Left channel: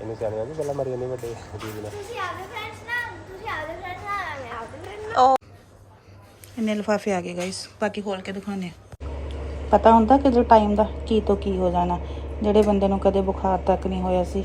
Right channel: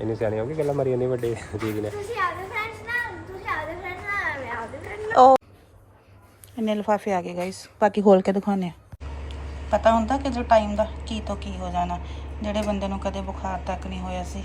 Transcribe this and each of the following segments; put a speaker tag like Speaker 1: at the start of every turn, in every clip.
Speaker 1: ਇੰਨੇ ਸਿਆਣੇ ਹੋ ਗਏ ਗੱਲਾਂ ਮਾਰੀ ਜਾਂਦੇ ਵੱਡੇ ਦੀਦੀ ਨੇ।
Speaker 2: ਤੁਸੀਂ ਆਪਦੇ ਫਰੈਂਡਸ ਨਾਲ ਤੁਸੀਂ ਆਪਦੇ ਫਰੈਂਡਸ ਨਾਲ ਮੈਂ ਆਪਦੇ ਫਰੈਂਡ ਨਾਲ।
Speaker 3: ਉਹ ਇੰਨੇ ਲਿਫਾਫੇ ਆ ਗਏ ਗਾਇਸ ਬਾਕੀ ਖੋਲ ਕੇ ਦਿਖਾਉਂਦੇ ਆ? ਪਤਾ ਹੁੰਦਾ ਕਿ ਜੇ ਟਾਈਮ ਦਾ ਕੀ ਤੋਂ ਕੀ ਹੋ ਜਾਣਾ ਜਿਹੜੇ ਬੰਦੇ ਨੂੰ ਕਦੇ ਬੁਖਾਰ ਤੱਕ ਨਹੀਂ ਹੋਇਆ ਸੀ।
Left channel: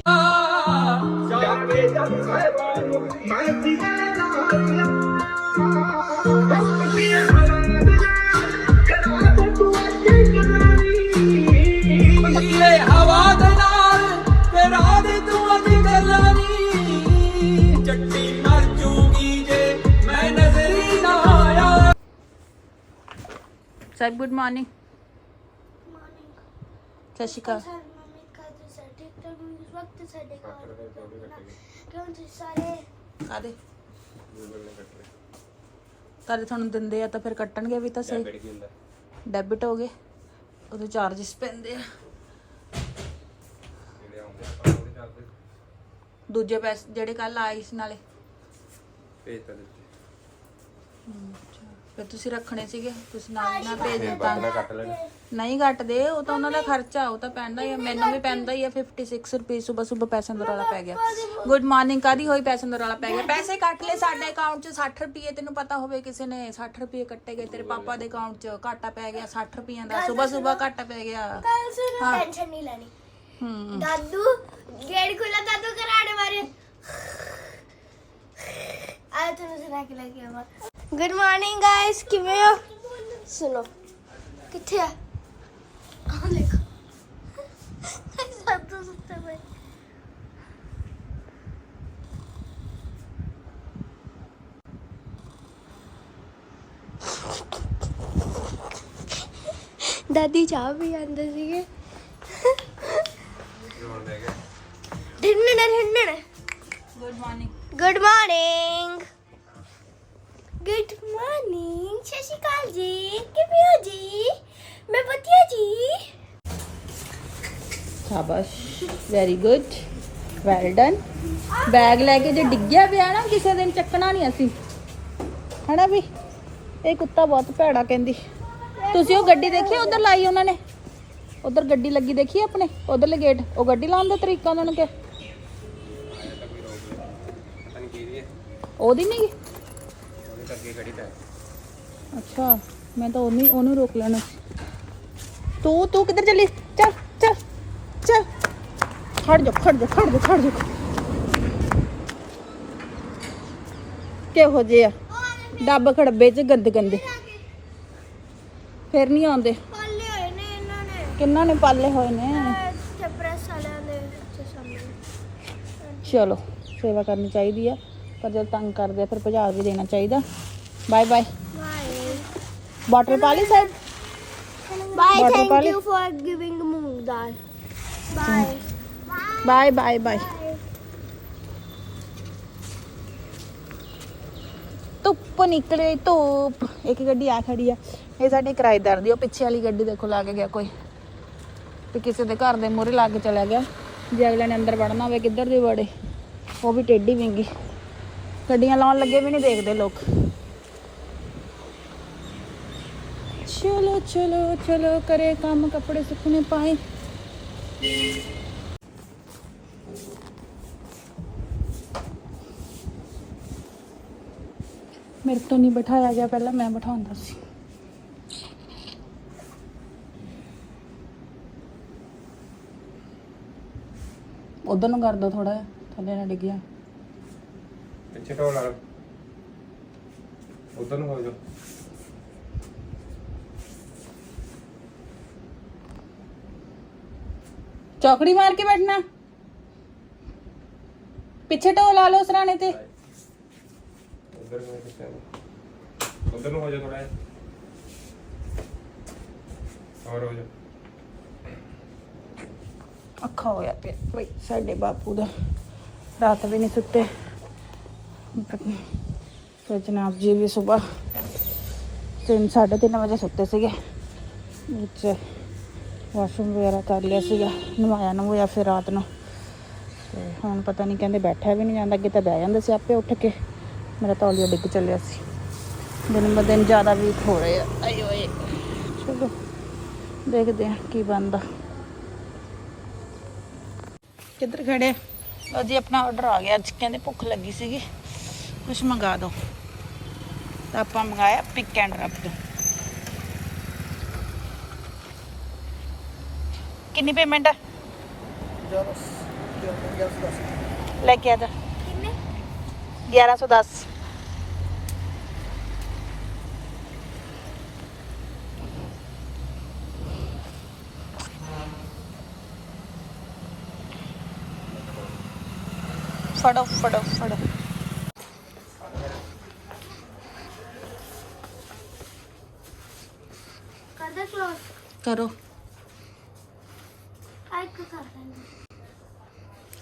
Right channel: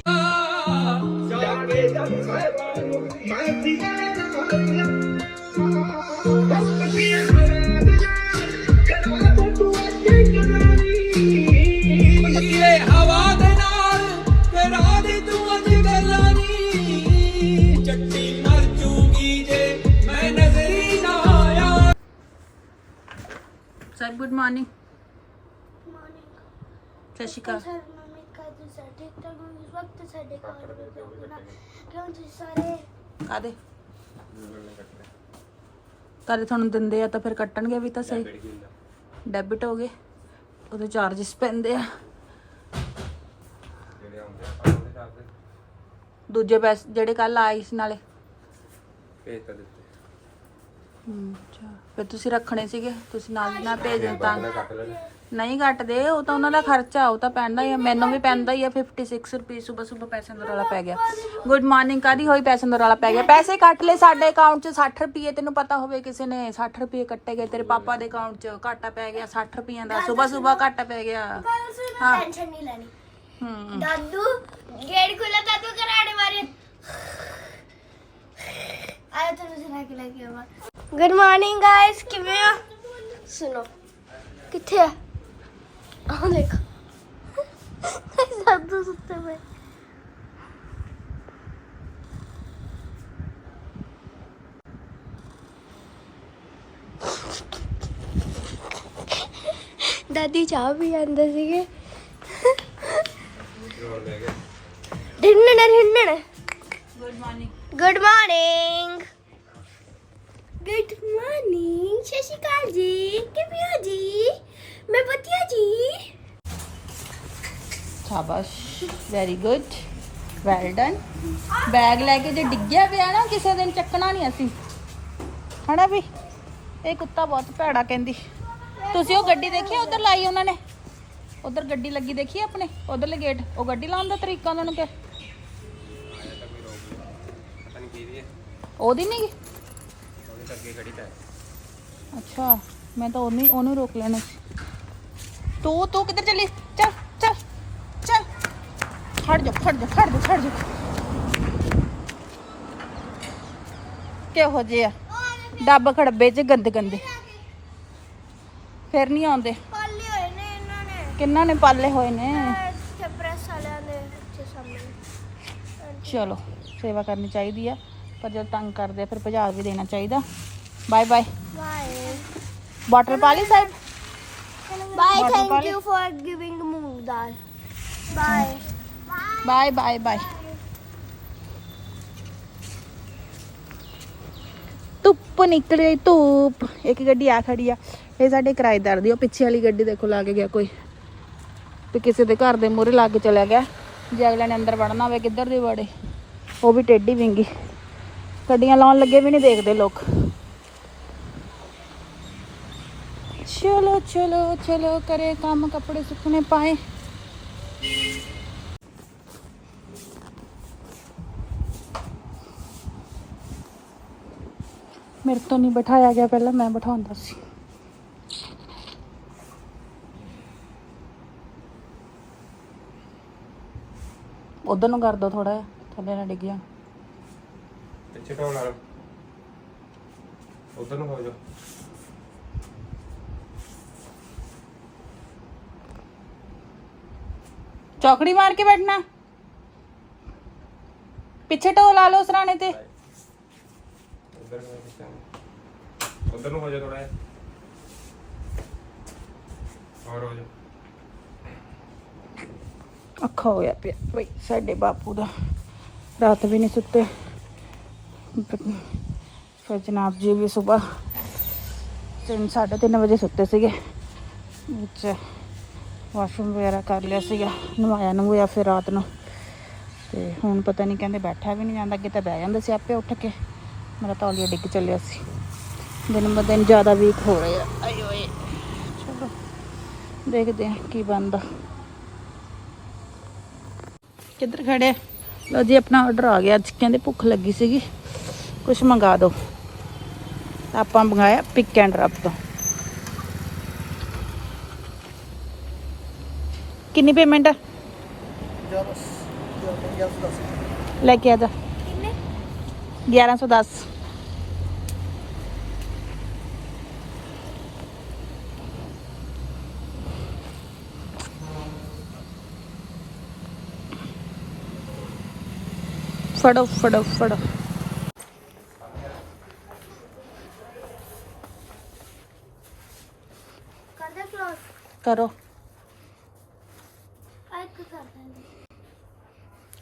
Speaker 3: ਸਾਹਿਬ ਗੁੱਡ ਮਾਰਨਿੰਗ
Speaker 2: ਮਾਰਨਿੰਗ
Speaker 3: ਸਤਿ ਸ਼੍ਰੀ ਅਕਾਲ।
Speaker 2: ਸਰ ਮੰਮੀ ਕਾ ਤੁਸੀਂ ਹੋ ਇਸ ਵਕਤ ਸਾਡੇ ਘਰ ਵਿੱਚ ਆਉਣਾ ਕਿਉਂ ਤੁਸੀਂ ਸਾਰੇ?
Speaker 3: ਕਾਦੇ ਕਾਦੇ ਤੁਹਾਨੂੰ ਦਿੰਦੇ ਆ ਤਾਂ ਫਿਰ ਕੱਟਣਗੇ ਵੀ ਤਾਂ ਸਹੀ। ਡੈਬਿਟ ਹੋ ਗਏ। ਉਹਦੇ ਚਾਰजेस ਪੈਂਦੇ ਆ। ਦੂਜੇ ਪੈਸੇ ਜਿਹੜੇ ਕੱਲ ਆਏ ਸੀ ਨਾਲੇ।
Speaker 1: ਭੇਜ ਤਾਂ ਦਿੱਤੇ।
Speaker 3: ਹਮ, ਅੱਛਾ। ਫਿਰ ਤੁਸੀਂ ਰੱਖਣੇ ਸੀਗੇ ਤੁਸੀਂ ਨਾਲ ਦੀ ਨਾਲ ਭੇਜ ਦਿੱਤਾ। ਨਹੀਂ ਕੱਟਦੇ ਉਹ ਤਾਂ ਉਹਨਾਂ ਦਾ ਖਰਚਾ ਉਹ ਤਾਂ ਪੈਂਦਾ ਹੀ ਆ। ਮੈਨੂੰ ਵੀ ਪੈਂਦਾ ਹੀ ਆ 56 ਰੁਪਏ ਸਵੇਰ ਸਵੇਰ ਪੈਸੇ ਦਾ ਰੌਲਾ ਪੈ ਗਿਆ। ਗੁੱਡ ਮਾਰਨਿੰਗ ਕਾਦੀ ਹੋਈ ਪੈਸੇ ਦਾ ਰੌਲਾ ਪੈ ਗਿਆ? ਪੈਸੇ ਕੱਟ ਲੈ ਸਾਡੇ ਅਕਾਊਂਟ 'ਚ 60 ਰੁਪਏ ਤੈਨੂੰ ਪਤਾ ਹੋਵੇ ਕਿਸੇ ਨੇ 60 ਰੁਪਏ ਕੱਟੇ ਗਏ ਤੇਰੇ ਪਾਪਾ ਦੇ ਅਕਾਊਂਟ 'ਚ ਘਾਟਾ ਪੈ ਗਿਆ 60 ਰੁਪਈਆਂ ਦਾ ਸਵੇਰ ਸਵੇਰ ਘਾਟਾ ਪੈ ਗਿਆ। ਹਾਂ।
Speaker 2: ਟੈਨਸ਼ਨ ਨਹੀਂ ਲੈਣੀ।
Speaker 3: ਹੂੰ।
Speaker 2: ਦਾਦੂ ਗੇਟ ਖੁੱਲਾ ਦਾਦੂ ਕਰਾੜੇ ਮਾਰੇ ਆਇਆ ਤੈਨੂੰ ਸੁਣਾ ਕੇ ਲੱਗੇ ਆਵਾ ਗੁੱਡ ਮਾਰਨਿੰਗ ਗਾਇਸ ਕਿਵੇਂ ਹੋ ਸੁਣੋ ਕਿੱਥੇ ਆ ਆਹ ਦੇਖੋ ਦਾਦੂ ਸੁੱਤੇ ਪਏ ਦਾਦੀ ਚਾਹ ਵੀ ਆਂਦੇ ਸੀਗੇ ਢਿੰਨਣ ਢਿੰਨਣ
Speaker 3: good morning
Speaker 2: good morning good morning ਸਤਿ ਸ਼੍ਰੀ ਅਕਾਲ ਜੀ। ਕਿਵੇਂ ਹੋ ਜੀ? ਮੈਂ ਵਧੀਆ ਜੀ।
Speaker 3: ਸ਼ਾਬਾਸ਼। Very good well done bag ਲੈ ਕੇ ਜੇ ਡਿੱਗਿਆ ਪਿਆ ਨਾ ਕਿਸੇ ਦਿਨ ਚੱਕਣਾ ਨਹੀਂ ਅਸੀਂ। ਹਨਾ ਵੀ? ਇਹ ਕੁੱਤਾ ਬਹੁਤ ਭੈੜਾ ਕਹਿੰਦੀ। ਤੁਸੀਂ ਉਹ ਗੱਡੀ ਦੇਖੀ ਉਧਰ ਲਾਈ ਉਹਨਾਂ ਨੇ? ਉਧਰ ਗੱਡੀ ਲੱਗੀ ਦੇਖੀ ਆਪਣੇ? ਉਧਰਲੇ ਗੇਟ ਉਹ ਗੱਡੀ ਲਾਉਣ ਦਾ ਤਰੀਕਾ ਉਹਨਾਂ ਨੂੰ ਕਿ ਉਹਦੀ ਨਹੀਂ
Speaker 1: ਉਹਦੇ ਤਾਂ ਅੱਗੇ ਖੜੀ ਤਾਂ ਹੈ।
Speaker 3: ਅੱਛਾ ਮੈਂ ਤਾਂ ਉਹਨੂੰ ਉਹਨੂੰ ਰੋਕ ਲੈਣਾ ਸੀ ਤੂੰ ਤੂੰ ਕਿੱਧਰ ਚੱਲੀ? ਚੱਲ ਚੱਲ ਚੱਲ। ਖੜ ਜਾ ਖੜ ਜਾ ਖੜ ਜਾ ਖੜ ਜਾ। ਕਿਹੋ ਜਿਹੇ ਆ? ਡੱਬ ਖੜੱਬੇ ਚ ਗੰਦ ਗੰਦੇ। ਫਿਰ ਨਹੀਂ ਆਉਂਦੇ।
Speaker 2: ਪਾਲੇ ਹੋਏ ਨੇ ਇਹਨਾਂ ਨੇ।
Speaker 3: ਕਿੰਨਾਂ ਨੇ ਪਾਲੇ ਹੋਏ ਨੇ?
Speaker 2: ਪ੍ਰੈਸ ਵਾਲਿਆਂ ਦੇ ਵਿੱਚ ਸਾਹਮਣੇ
Speaker 3: ਚਲੋ ਸੇਵਾ ਕਰਨੀ ਚਾਹੀਦੀ ਆ। ਪਰ ਜਦ ਤੰਗ ਕਰਦੇ ਆ ਫਿਰ ਭਜਾ ਵੀ ਦੇਣਾ ਚਾਹੀਦਾ। ਬਾਏ ਬਾਏ
Speaker 2: ਬਾਏ
Speaker 3: ਵਾਟਰ ਪਾ ਲਈ side
Speaker 2: bye thank? You for giving ਮੂੰਗ ਦਾਲ ਬਾਏ
Speaker 3: ਬਾਏ ਬਾਏ ਬਾਏ ਧੁੱਪ ਨਿਕਲ ਗਈ ਧੂਪ। ਇੱਕ ਗੱਡੀ ਆ ਖੜੀ ਆ। ਇਹ ਸਾਡੇ ਕਿਰਾਏਦਾਰ ਦੀ ਉਹ ਪਿੱਛੇ ਵਾਲੀ ਗੱਡੀ ਦੇਖੋ ਲਾ ਕੇ ਗਿਆ ਕੋਈ। ਤੇ ਕਿਸੇ ਦੇ ਘਰ ਦੇ ਮੂਹਰੇ ਲੱਗ ਚਲਾ ਗਿਆ। ਜੇ ਅਗਲੇ ਨੇ ਅੰਦਰ ਵੜਨਾ ਹੋਵੇ ਕਿੱਧਰ ਦੇ ਵੜੇ? ਉਹ ਵੀ ਟੇਢੀ ਵਿੰਗੀ। ਗੱਡੀਆਂ ਲਾਉਣ ਲੱਗੇ ਵੀ ਨਹੀਂ ਦੇਖਦੇ ਲੋਕ। ਚਲੋ ਚਲੋ ਚਲੋ, ਕਰੇ ਕੰਮ ਕੱਪੜੇ ਸੁੱਕਣੇ ਪਾਏ। ਮੇਰੇ ਤੋਂ ਨਹੀਂ ਬਿਠਾਇਆ ਗਿਆ ਪਹਿਲਾਂ, ਮੈਂ ਬਿਠਾਉਂਦਾ ਸੀ। ਉਧਰ ਨੂੰ ਕਰ ਦੋ ਥੋੜਾ ਥੱਲੇ ਨਾ ਡਿੱਗ ਜਾ
Speaker 1: ਪਿੱਛੇ ਢੋਲ ਲਾ ਲਓ। ਉਧਰ ਨੂੰ ਹੋ ਜਾਓ।
Speaker 3: ਚੌਕੜੀ ਮਾਰ ਕੇ ਬੈਠਣਾ। ਪਿੱਛੇ ਢੋ ਲਾ ਲਓ ਸਰਾਣੇ ਤੇ।
Speaker 1: ਉਧਰ ਨੂੰ ਕਿੱਥੇ ਉਧਰ ਨੂੰ ਹੋ ਜਾ ਥੋੜਾ ਜਿਹਾ। ਹੋਰ ਹੋ ਜਾ
Speaker 3: ਅੱਖਾ ਹੋਇਆ ਪਿਆ। ਬਈ ਸਾਡੇ ਬਾਪੂ ਦਾ ਰਾਤ ਵੀ ਨਹੀਂ ਸੁੱਤੇ। ਫਿਰ ਜਨਾਬ ਜੀ ਵੀ ਸਵੇਰ ਤਿੰਨ, ਸਾਢੇ ਤਿੰਨ ਵਜੇ ਸੁੱਤੇ ਸੀਗੇ। ਵਿੱਚ ਵਾਸ਼ਰੂਮ ਵਗੈਰਾ ਕਰ ਲਿਆ ਸੀਗਾ, ਨਵਾਇਆ ਨਵਾਇਆ ਫਿਰ ਰਾਤ ਨੂੰ। ਤੇ ਹੁਣ ਪਤਾ ਨਹੀਂ ਕਹਿੰਦੇ ਬੈਠਾ ਵੀ ਨਹੀਂ ਜਾਂਦਾ, ਅੱਗੇ ਤਾਂ ਬਹਿ ਜਾਂਦਾ ਸੀ ਆਪੇ ਉੱਠ ਕੇ। ਮੇਰਾ ਤੌਲੀਆ ਡਿੱਗ ਚੱਲਿਆ ਸੀ। ਦਿਨ ਬ ਦਿਨ ਜ਼ਿਆਦਾ ਵੀਕ ਹੋ ਰਹੇ। ਆ ਓਏ ਚਲੋ, ਦੇਖਦੇ ਹਾਂ ਕੀ ਬਣਦਾ। ਕਿੱਧਰ ਖੜੇ ਲਓ ਜੀ, ਆਪਣਾ ਆਰਡਰ ਆ ਗਿਆ। ਅੱਜ ਕਹਿੰਦੇ ਭੁੱਖ ਲੱਗੀ ਸੀਗੀ। ਕੁਝ ਮੰਗਾ ਦਿਓ ਤਾਂ ਆਪਾਂ ਮੰਗਾਇਆ ਪਿਕ ਐਂਡ ਡ੍ਰੌਪ ਤੋਂ ਕਿੰਨੀ ਪੇਮੈਂਟ ਆ ਲੈ ਕੇ ਆ ਜਾ
Speaker 2: ਕਿੰਨੇ
Speaker 3: 1110 ਫੜੋ ਫੜੋ ਫੜੋ ਕਰੋ।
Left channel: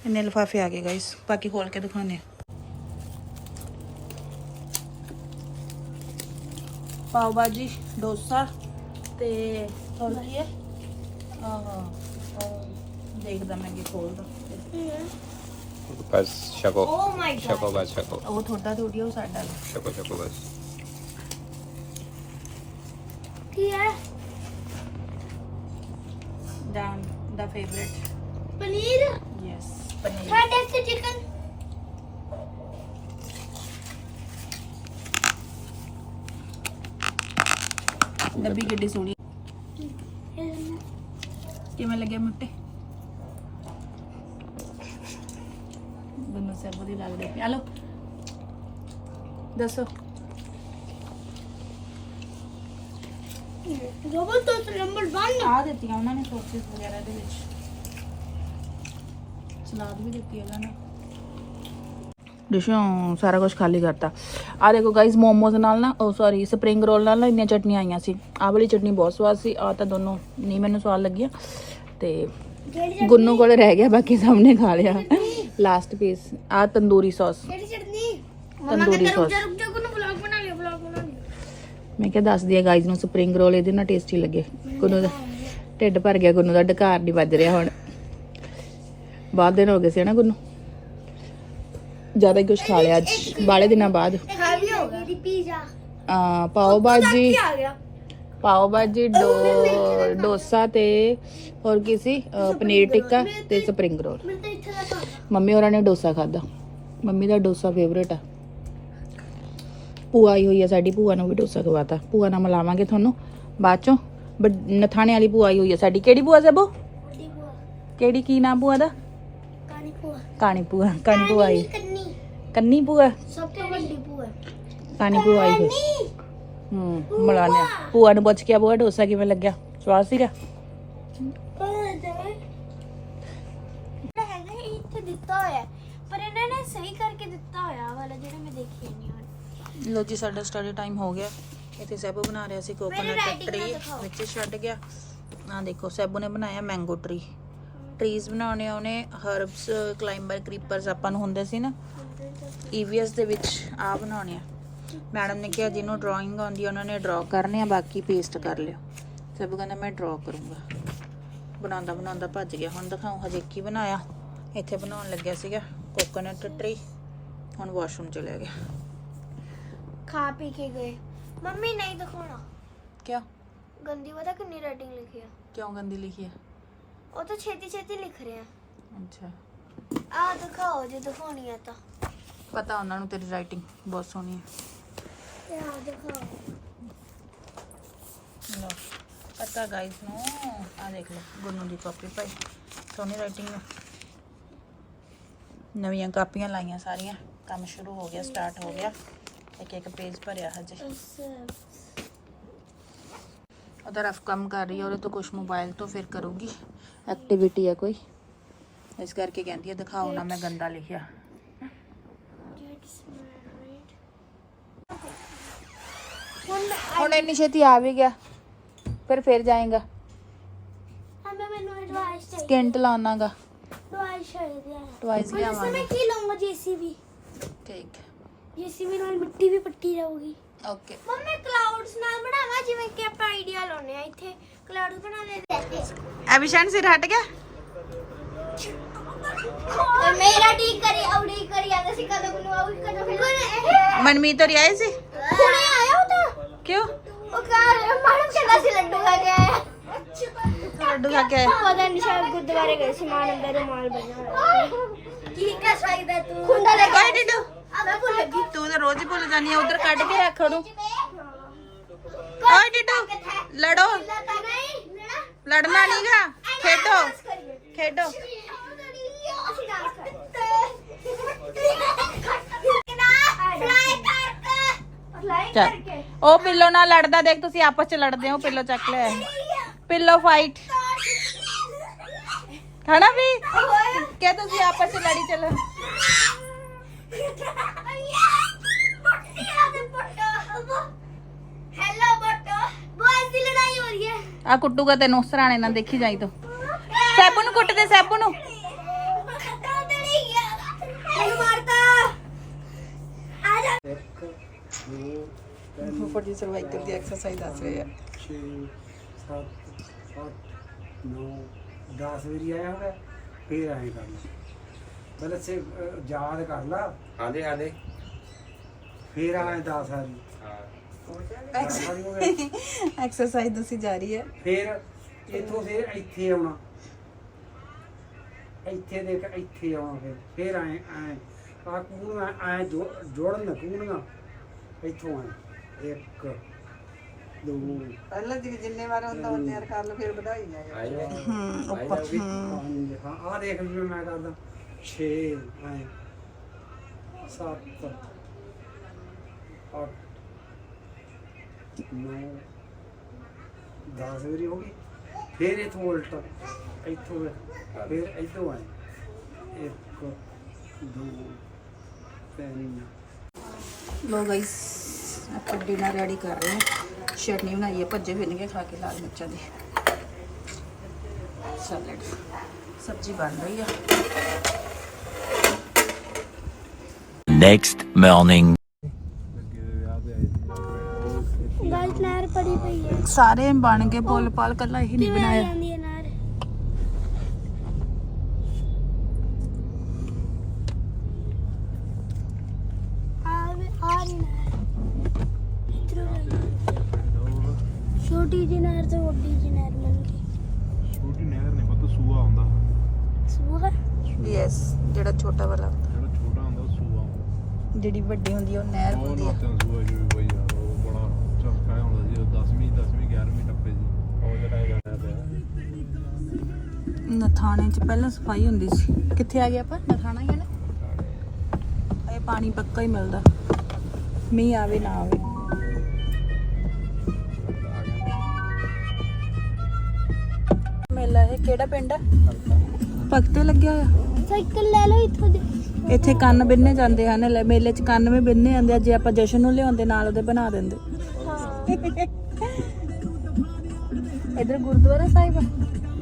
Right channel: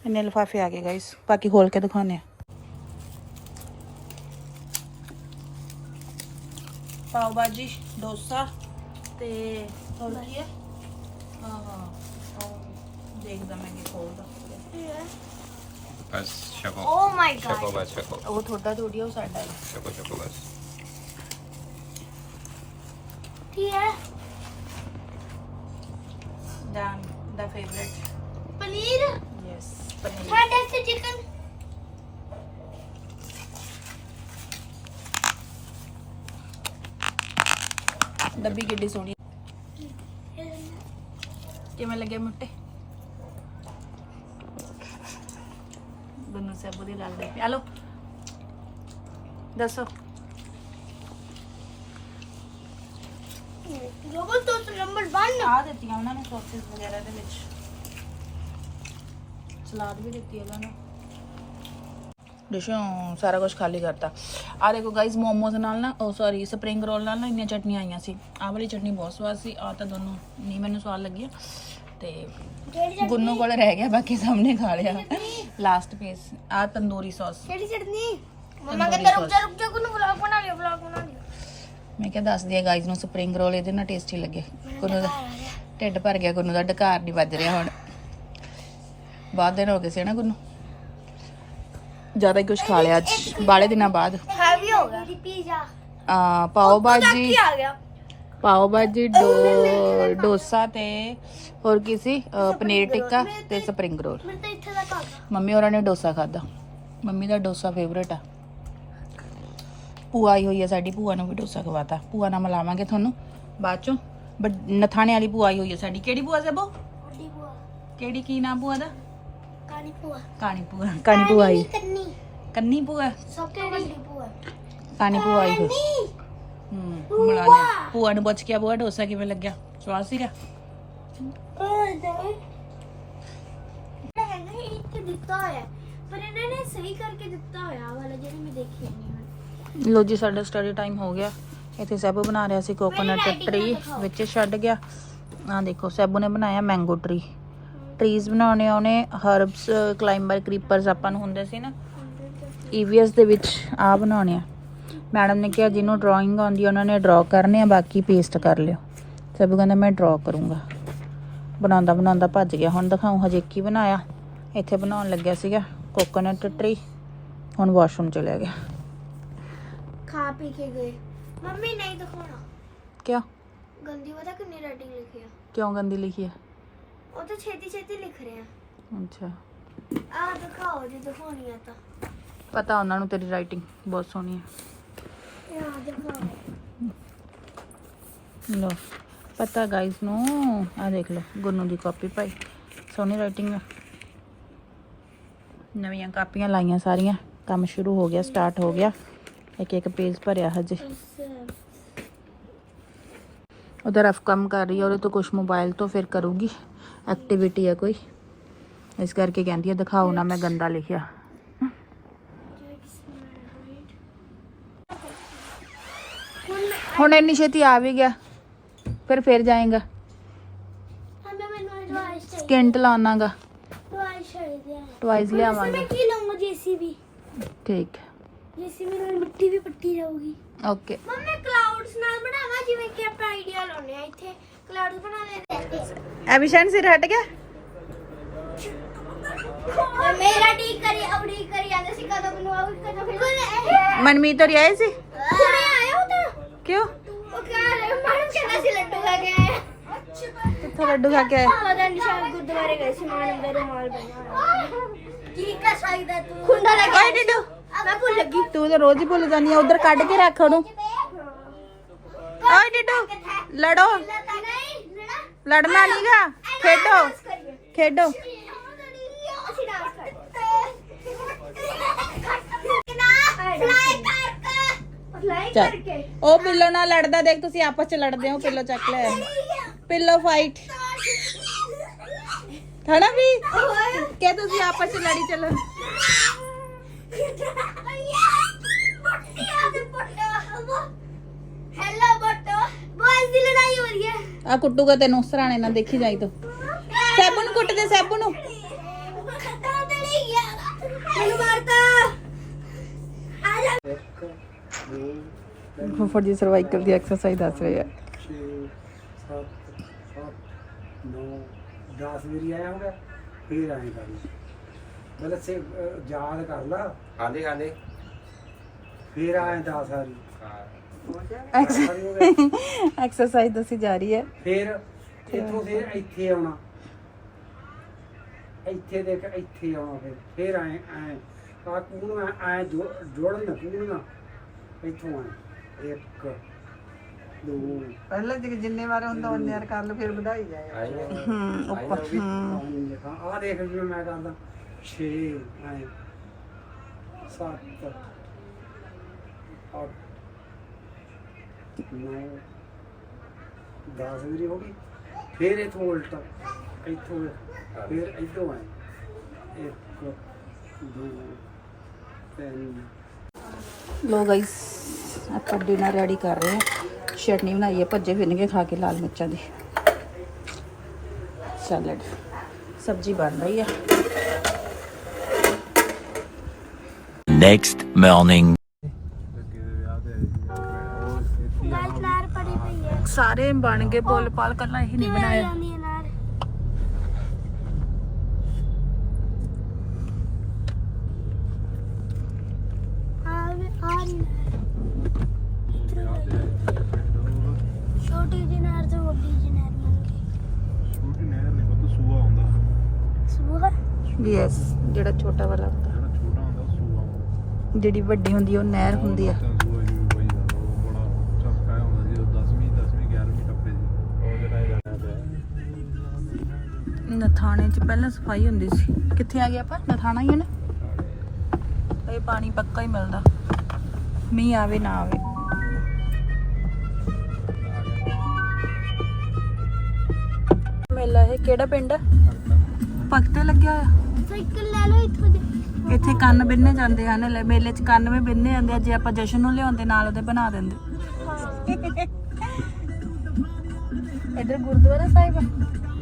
Speaker 3: ਇੰਨੇ ਲਿਫਾਫੇ ਆ ਗਏ ਗਾਇਸ ਬਾਕੀ ਖੋਲ ਕੇ ਦਿਖਾਉਂਦੇ ਆ। ਪਾਓ ਭਾਜੀ ਡੋਸਾ ਤੇ ਹੋਰ ਕੀ ਹੈ? ਆਹਾ ਦੇਖਦਾ ਮੈਂ ਕੀ ਖੋਲਦਾ।
Speaker 1: ਬਸ ਛਕੋ।
Speaker 2: ਓ ਮਾਈ
Speaker 1: ਛਕੋ ਬਸ ਛਕੋ।
Speaker 3: ਉਹ ਥੋੜਾ ਥੋੜੀ ਉਹ ਸਾਡਾ
Speaker 1: ਛਕੋ ਛਕੋ ਬਸ।
Speaker 2: ਕੀ ਹੈ?
Speaker 3: Favorite.
Speaker 2: Paneer
Speaker 3: Yes, paneer.
Speaker 2: ਸਾਡੇ ਤੇ ਚਿਕਨ
Speaker 3: ਡੱਬੀ ਕਿੱਡੀ ਸੋਹਣੀ। ਕਿਵੇਂ ਲੱਗੇ ਮੁੱਟੇ ਬੰਨੂ ਸੇ ਬੁਰੀ ਲੱਗ ਰਹੀ ਹਲੋ ਦੱਸੋ।
Speaker 2: ਰੋਬੋ ਤੋਂ ਨੰਬਰ 1
Speaker 3: ਆ ਦਿੱਤੀਆਂ ਉਹਨਾਂ ਨੇ ਸੌਸਸ ਵਗੈਰਾ ਦੇ ਵਿੱਚ। ਸਲਾਦ ਵੀ ਦਿੱਤੀ ਉਹਨਾਂ ਨੇ। ਡਿਸ਼ੋਂ ਸਾਰਾ ਕੁਝ ਖਾਲੀ ਕਰਤਾ। ਆ ਦੇਖੋ ਗਾਇਸ ਮੋਮੋਜ਼ ਨਾਲ ਨਾ ਉਹ ਸੌਰੀ ਸਪਰਿੰਗ ਰੋਲ ਨਾਲ ਨਾ ਇੰਨੀਆਂ ਚਟਨੀਆਂ ਆਈਆਂ ਸੀ। ਆਹ ਵਾਲੀ ਚਟਨੀ ਬਹੁਤ ਸਵਾਦ ਸੀ ਆ ਤਾਂ ਦੋਨੋਂ ਨਹੀਂ ਮੈਨੂੰ ਸਵਾਦ ਲੱਗੀਆਂ। ਤੇ
Speaker 2: ਕਿਹੜੀ
Speaker 3: ਗੁੰਨੂ ਕੋਲ ਰਹਿ ਗਿਆ ਬਾਕੀ ਸਾਹਮਣੇ ਖਾ ਲਿਆ। ਲਾਸਟ ਪੀਸ ਆ ਤੰਦੂਰੀ ਸੌਸ
Speaker 2: ਕਿਹੜੀ ਚਟਨੀ? ਮਮਾ
Speaker 3: ਤੰਦੂਰੀ
Speaker 2: ਕਹਿੰਦਾ ਰੁਕ ਜਾ
Speaker 3: sauce।
Speaker 2: ਰੁਕ ਜਾ ਕੋਨੂੰ ਵਲੌਗ ਬਣਾ ਲਿਓ ਵਲੌਗ ਬਣਾ ਲਿਓ।
Speaker 3: ਮੈਂ ਕਿਹਾ ਦੱਸ ਦਿਆ ਗਾਇਜ਼ ਨੂੰ ਸਪਰਿੰਗ ਰੋਲ ਇਹਦੇ ਨਾਲ ਟੇਸਟੀ ਲੱਗੇ। ਗੁੰਨੂ ਦਾ ਢਿੱਡ ਭਰ ਗਿਆ ਗੁੰਨੂ ਦਾ ਡਕਾਰ ਨਹੀਂ ਵੱਜ ਰਿਹਾ ਹੁਣ। ਬਾਅਦ ਦਿਨ ਹੋ ਗਏ ਸੀ ਨਾ ਗੁੰਨੂ ਜ਼ਿਆਦਾ ਹੀ ਕੁਝ ਖਾ ਲਿਆ ਅੱਜ। ਬਾਲੇ ਦਿਨਾਂ ਬਾਅਦ।
Speaker 2: ਹੈਵੀ ਹੋ ਗਿਆ ਪੀਜ਼ਾ
Speaker 3: ਆ ਪਾਓ ਭਾਜੀ
Speaker 2: ਆ ਗਿਆ
Speaker 3: ਪਾਓ ਭਾਜੀ ਡੋਸਾ ਤੇ ਹੋਰ ਕੀ ਸੀ? ਪਨੀਰ ਟਿੱਕਾ ਤੇ ਸਪਰਿੰਗ ਰੋਲ।
Speaker 2: ਮੈਂ ਤਾਂ ਇੱਥੇ ਦਾ ਖਾ ਗਿਆ
Speaker 3: ਮੰਮੀ ਹੋਰਾਂ ਨੇ ਡੋਸਾ ਖਾਦਾ ਮੰਮੀ ਦਾ ਡੋਸਾ ਫੇਵਰੇਟ ਆ। ਭੂਆ ਆਈ ਹੋਈ ਆ ਸਾਡੀ ਭੂਆ ਨੂੰ ਵੀ ਡੋਸਾ ਖਵਾਤਾ। ਭੂਆ ਨਾਲ ਮਿਲਾਵਾਂਗੇ ਤੁਹਾਨੂੰ ਬਾਅਦ ਚੋਂ। ਨਥਾਣੇ ਵਾਲੀ ਭੂਆ ਆਈ ਹੋਈ ਆ ਸਾਡੀ। ਕਿਹੜੀ ਭੂਆ ਸਭੋ? ਕਿਹੜੀ ਕੀ ਨਾਮ ਭੂਆ ਦਾ?
Speaker 2: ਕਾਣੀ ਭੂਆ
Speaker 3: ਕਾਣੀ ਭੂਆ ਕਾਣੀ ਭੂਆ ਆਈ।
Speaker 2: ਕੰਨੀ।
Speaker 3: ਕੰਨੀ ਭੂਆ
Speaker 2: ਸਭ ਤੋਂ ਵੱਡੀ ਭੂਆ
Speaker 3: ਕਾਣੀ ਭੂਆ ਆਈ ਹੋਈ ਹੂੰ ਮਿਲਾਨੇ ਭੂਆ ਨੂੰ ਪੁੱਛ ਕੇ ਆ ਭੂਆ ਡੋਸਾ ਕਿਵੇਂ ਲੱਗਿਆ? ਸਵਾਦ ਸੀਗਾ? ਲੋ ਜੀ ਸਾਡਾ ਸਟੱਡੀ ਟਾਈਮ ਹੋ ਗਿਆ। ਇੱਥੇ ਸੈਬੂ ਬਣਾ ਰਿਹਾ ਸੀ ਕੋਕੋਨਟ ਟਰੀ। ਵਿੱਚ ਛੱਡ ਗਿਆ। ਆ ਦੇਖੋ ਸੈਬੂ ਨੇ ਬਣਾਇਆ ਮੈਂਗੋ ਟਰੀ ਟਰੀਜ਼ ਬਣਾਉਣੇ ਉਹਨੇ ਹਰਬਸ ਕਲਾਈਂਬਰ ਕ੍ਰੀਪਰਸ ਆਪਾਂ ਨੂੰ ਹੁੰਦੇ ਸੀ ਨਾ। ਈਵੀਐਸ ਦੇ ਵਿੱਚ ਆ ਬਣਾਉਣੇ ਆ। ਮੈਡਮ ਨੇ ਕਿਹਾ ਜਿਹਨੂੰ ਡਰਾਇੰਗ ਆਉਂਦੀ ਆ ਉਹਨਾਂ ਨੇ ਡਰਾ ਕਰਨੇ ਆ ਬਾਕੀ ਪੇਸਟ ਕਰ ਲਿਓ। ਸੈਬੂ ਕਹਿੰਦਾ ਮੈਂ ਡਰਾ ਕਰੂੰਗਾ। ਬਣਾਉਂਦਾ ਬਣਾਉਂਦਾ ਭੱਜ ਗਿਆ। ਹੁਣ ਦਿਖਾਉਂ ਹਜੇ ਕੀ ਬਣਾਇਆ? ਇੱਥੇ ਬਣਾਉਣ ਲੱਗਿਆ ਸੀਗਾ ਕੋਕੋਨਟ ਟਰੀ ਹੁਣ ਵਾਸ਼ਰੂਮ ਚਲਿਆ ਗਿਆ।
Speaker 2: ਖਾ ਪੀ ਕੇ ਗਏ। ਮੰਮੀ ਨਹੀਂ ਦਿਖਾਉਣਾ।
Speaker 3: ਕਿਆ
Speaker 2: ਗੰਦੀ ਪਤਾ ਕਿੰਨੀ ਰਾਈਟਿੰਗ ਲਿਖੀ ਆ।
Speaker 3: ਕਿਉਂ ਗੰਦੀ ਲਿਖੀ ਹੈ
Speaker 2: ਉਹ ਤਾਂ ਛੇਤੀ ਛੇਤੀ ਲਿਖ ਰਹੇ।
Speaker 3: ਅੱਛਾ।
Speaker 2: ਆ ਦਿਖਾਓ ਜੇ ਦਿਖਾਉਣੀ ਆ ਤਾਂ।
Speaker 3: ਪਤਾ ਉਹਨਾਂ ਨੂੰ ਤੇਰੀ ਰਾਈਟਿੰਗ ਬਹੁਤ ਸੋਹਣੀ ਹੈ
Speaker 2: ਆ ਦਿਖਾਓ।
Speaker 3: ਲੋ ਪਤਾ ਗਾਇਸ ਨੂੰ ਆ ਦੇਖ ਲਓ ਗੁੰਨੂ ਦੀ ਕਾਪੀ ਪਾਈ। ਸੋਹਣੀ ਰਾਈਟਿੰਗ ਹੈ ਨਵੀਆਂ ਕਾਪੀਆਂ ਲਾਈਆਂ ਸਾਰੀਆਂ ਕੰਮ ਸ਼ੁਰੂ ਹੋ ਗਿਆ ਸਟਾਰਟ ਹੋ ਗਿਆ। ਇੱਕ ਇੱਕ ਪੇਜ ਭਰਿਆ ਹਜੇ। ਉਹਦਾ ਰਫ ਕੰਮ ਕਰ ਰਹੀ ਹੈ ਉਹਦੇ ਤੋਂ ਕੁਝ ਮੋਬਾਈਲ ਤੋਂ ਫਿਰ ਕਰੂਗੀ। ਐਕਟੀਵਿਟੀ ਹੈ ਕੋਈ ਇਸ ਕਰਕੇ ਕਹਿੰਦੀ ਹੈ ਦਿਖਾਓ ਨਾ ਮੈਂ ਗੰਦਾ ਲਿਖਿਆ
Speaker 2: ਹੁਣ
Speaker 3: ਹੁਣ ਇੰਨੀ ਛੇਤੀ ਆ ਵੀ ਗਿਆ ਫਿਰ ਫਿਰ ਜਾਏਗਾ
Speaker 2: ਹਮੇ ਮੈਨੂੰ ਐਡਵਾਈਸ ਚਾਹੀਦੀ
Speaker 3: ਸਕਿੰਟ ਲਾਉਣਾਗਾ
Speaker 2: ਐਡਵਾਈਸ ਚਾਹੀਦੀ ਹੈ
Speaker 3: ਟਵਾਈਸ
Speaker 2: ਮੈਂ
Speaker 3: ਲਿਆਵਾਂਗੇ
Speaker 2: ਕੀ ਲਵਾਂਗਾ ਜੀਸੀਬੀ
Speaker 3: ਠੀਕ
Speaker 2: ਜੀਸੀਬੀ ਨਾਲ ਮਿੱਟੀ ਵੀ ਪੱਟੀ ਰਹੂਗੀ
Speaker 3: ਓਕੇ
Speaker 2: ਮੰਮਾ ਕਲਾਉਡਸ ਨਾਲ ਬਣਾਵਾਂ ਜਿਵੇਂ ਕਿ ਆਪਾਂ ਆਈਡੀਆ ਲਾਉਨੇ ਆ ਇੱਥੇ ਕਲਾਉਡਸ ਬਣਾ ਲੈਂਦੇ
Speaker 3: ਐਬੀਸ਼ਨ ਸਿਰ ਹਟ ਗਿਆ?
Speaker 2: ਮੇਰਾ ਠੀਕ ਕਰੀ ਔੜੀ ਕਰੀ ਆਂਦਾ ਸੀ ਕਦੋਂ ਨੂੰ ਆਉ ਕਦੋਂ ਫਿਰ।
Speaker 3: ਮਨਮੀਤ ਹੋਰੀ ਆਏ ਸੀ?
Speaker 2: ਹੁਣੇ ਆਇਆ ਉਹ ਤਾਂ।
Speaker 3: ਕਿਉਂ?
Speaker 2: ਉਹ ਕਹ ਮਾਨੂੰ ਕਹਿੰਦਾ ਸੀ ਲੱਡੂ ਖਾ ਕੇ ਆਇਆ
Speaker 3: ਕਿੱਥੋਂ ਲੱਡੂ ਖਾ ਕੇ ਆਏ?
Speaker 2: ਪਤਾ ਨਹੀਂ ਸ਼ਾਇਦ ਗੁਰਦੁਆਰੇ ਗਏ ਸੀ ਮਾਨ ਅੰਦਰ ਰੁਮਾਲ ਸੀ। ਠੀਕ ਹੈ ਸ਼ਾਇਦ ਤੂੰ। ਖੁੰਡਾ ਲੈ
Speaker 3: ਓਏ ਡਿੱਡੂ
Speaker 2: ਮੈਂ ਭੁੱਲ ਗਈ।
Speaker 3: ਤੂੰ ਤਾਂ ਰੋਜ਼ ਹੀ ਭੁੱਲ ਜਾਂਦੀ ਆ ਉਧਰ ਕੱਢ ਕੇ ਰੱਖ ਉਹਨੂੰ। ਓਏ ਡਿੱਡੂ ਲੜੋ।
Speaker 2: ਲੱਗਾ ਨਹੀਂ ਨਾ
Speaker 3: ਲੜਨਾ ਨਹੀਂਗਾ ਖੇਡੋ ਖੇਡੋ
Speaker 2: ਅਸੀਂ ਡਾਂਸ ਫਲਾਈ
Speaker 3: ਚੱਲ
Speaker 2: ਕਰਕੇ
Speaker 3: ਉਹ ਪਿੱਲੋ ਨਾਲ ਲੜਦਾ ਦੇਖ ਤੁਸੀਂ ਆਪਸ ਚ ਲੜਦੇ ਹੋ ਪਿੱਲੋ ਚੱਕ ਲੈ ਪਿੱਲੋ ਫਾਈਟ ਹਨਾ ਵੀ ਕਿ ਤੁਸੀਂ ਆਪਸ ਚ ਲੜੀ ਚੱਲੋ ਆ ਕੁੱਟੂਗਾ ਤੈਨੂੰ ਸਰਾਣੇ ਨਾਲ ਦੇਖੀ ਜਾਈ ਤੋ। ਸੈਬੂ ਨੂੰ ਕੁੱਟ ਦੇ ਸੈਬੂ ਨੂੰ।
Speaker 2: ਖਤਮ ਤੇ ਨਹੀਂ ਗਿਆ ਮੈਨੂੰ ਮਾਰਤਾ ਆ ਜਾ
Speaker 3: ਫੁੱਫੜ ਜੀ ਸਰਵਾਈਕਲ ਦੀ ਐਕਸਰਸਾਈਜ਼ ਦੱਸ ਰਹੇ ਆ।
Speaker 4: 6 7 8 9 10 ਵਾਰੀ ਆਇਆ ਹੋਗਾ ਫੇਰ ਆਏ ਕਰ ਲਈ ਪਹਿਲਾਂ ਸੇ ਯਾਦ ਕਰ ਲਾ।
Speaker 1: ਹਾਂਜੀ ਹਾਂਜੀ।
Speaker 4: ਫੇਰ ਆਏ 10 ਵਾਰੀ।
Speaker 1: ਹਾਂ।
Speaker 3: ਐਕਸਰਸਾਈਜ਼ ਦੱਸੀ ਜਾ ਰਹੀ ਹੈ।
Speaker 4: ਫੇਰ ਇੱਥੋਂ ਫੇਰ ਇੱਥੇ ਆਉਣਾ। ਇੱਥੇ ਦੇਖ ਇੱਥੇ ਆਉਣਾ ਫੇਰ। ਫੇਰ ਆਏ ਆਏ ਆ ਕੂਣਾ ਆਏ ਜੋੜਨ ਕੂਣਾ ਇੱਥੋਂ ਆਏ ਇੱਕ ਦੋ।
Speaker 5: ਪਹਿਲਾਂ ਜਿ- ਜਿੰਨੇ ਵਾਰ ਹੁੰਦਾ ਉਹਨੇ ਯਾਰ ਕਰ ਲਓ ਫਿਰ ਵਧਾਈ ਜਾਏ।
Speaker 1: ਆਈ ਹੈ
Speaker 3: ਹੂੰ ਉੱਪਰ। ਹੂੰ
Speaker 4: ਪੰਜ ਹਾਂ ਆ ਦੇਖ ਜਿਵੇਂ ਮੈਂ ਕਰਦਾ। 6 ਐ। 7 8 9 10 ਵਾਰੀ ਹੋ ਗਈ ਫਿਰ ਇਥੋਂ ਉਲਟ ਇੱਥੋਂ ਫਿਰ ਇੱਥੋਂ ਆਏ। 1 2 3
Speaker 3: ਲੋ ਗਾਇਸ ਆਪਾਂ ਡਿਨਰ ਰੈਡੀ ਕਰ ਰਹੇ ਹਾਂ। ਚਟਨੀ ਬਣਾਈ ਹੈ ਭੱਜੇ ਫਿਰਨਗੇ ਖਾ ਕੇ ਲਾਲ ਮਿਰਚਾਂ ਦੀ। ਸੈਲਡ ਸਬਜ਼ੀ ਬਣ ਰਹੀ ਹੈ
Speaker 6: Next morning.
Speaker 3: ਸਾਰੇ ਬਣ ਗਏ ਬੋਲ ਪਾਲ ਕੱਲਾ ਇਹੀ ਨਹੀਂ ਬਣਾਇਆ
Speaker 2: ਜਾਂਦੀ ਹੈ ਨਾਰ ਆ ਵੇ ਆ ਰਹੀ ਨਾਰ ਇੱਧਰੋਂ ਆ ਗਈ। ਛੋਟੀ ਜਿਹੀ ਨਾਰ ਤੋਂ ਵੱਡੀ ਜਿਹੀ ਨਾਰ ਬਣ ਗਈ
Speaker 7: ਛੋਟੀ ਨਹਿਰ ਨਹੀਂ ਪਤਾ ਸੂਆ ਹੁੰਦਾ
Speaker 2: ਸੁਬਹ
Speaker 3: ਯੈਸ ਜਿਹੜਾ ਛੋਟਾ ਵਾਲਾ ਹੁੰਦਾ
Speaker 7: ਜਿਹੜਾ ਛੋਟਾ ਹੁੰਦਾ ਉਹ ਸੂਆ ਹੁੰਦਾ
Speaker 3: ਜਿਹੜੀ ਵੱਡੀ ਹੁੰਦੀ ਆ, ਉਹ ਨਹਿਰ ਹੁੰਦੀ ਆ
Speaker 7: ਤਾਂ ਸੂਆ ਜਿਵੇਂ ਬਈ ਦਾ ਉਹ ਬੜਾ ਚਸਕਾ ਹੁੰਦਾ ਸੀ ਉਹ 10ਵੀਂ 10ਵੀਂ 11ਵੀਂ ਟੱਪੇ ਸੀ
Speaker 1: ਉਹ ਜਿਹੜਾ ਹੀ ਜਾਣਾ ਪਿਆ
Speaker 3: ਨਥਾਣੇ 'ਚ ਪਹਿਲਾਂ ਸਫ਼ਾਈ ਹੁੰਦੀ ਸੀ। ਕਿੱਥੇ ਆ ਗਿਆ ਆਪਾਂ? ਨਥਾਣਾ ਹੀ ਹੈ ਨਾ? ਇਹ ਪਾਣੀ ਪੱਕਾ ਹੀ ਮਿਲਦਾ। ਮੀਂਹ ਆਵੇ ਨਾ ਆਵੇ। ਮੇਲਾ ਇਹ ਕਿਹੜਾ ਪਿੰਡ ਆ? ਪੱਕਤੇ ਲੱਗਿਆ ਆ
Speaker 2: ਸਾਈਕਲ ਲੈ ਲਓ ਇੱਥੋਂ ਦੀ।
Speaker 3: ਇੱਥੇ ਕੰਨ ਬਿੰਨੇ ਜਾਂਦੇ ਹਨ। ਲੈ ਮੇਲੇ 'ਚ ਕੰਨ ਵੀ ਬਿੰਨੇ ਜਾਂਦੇ ਆ। ਜੇ ਆਪਾਂ ਜਸ਼ਨ ਨੂੰ ਲਿਆਉਂਦੇ ਨਾਲ ਉਹਦੇ ਬਣਾ ਦਿੰਦੇ। ਇਧਰ ਗੁਰਦੁਆਰਾ ਸਾਹਿਬ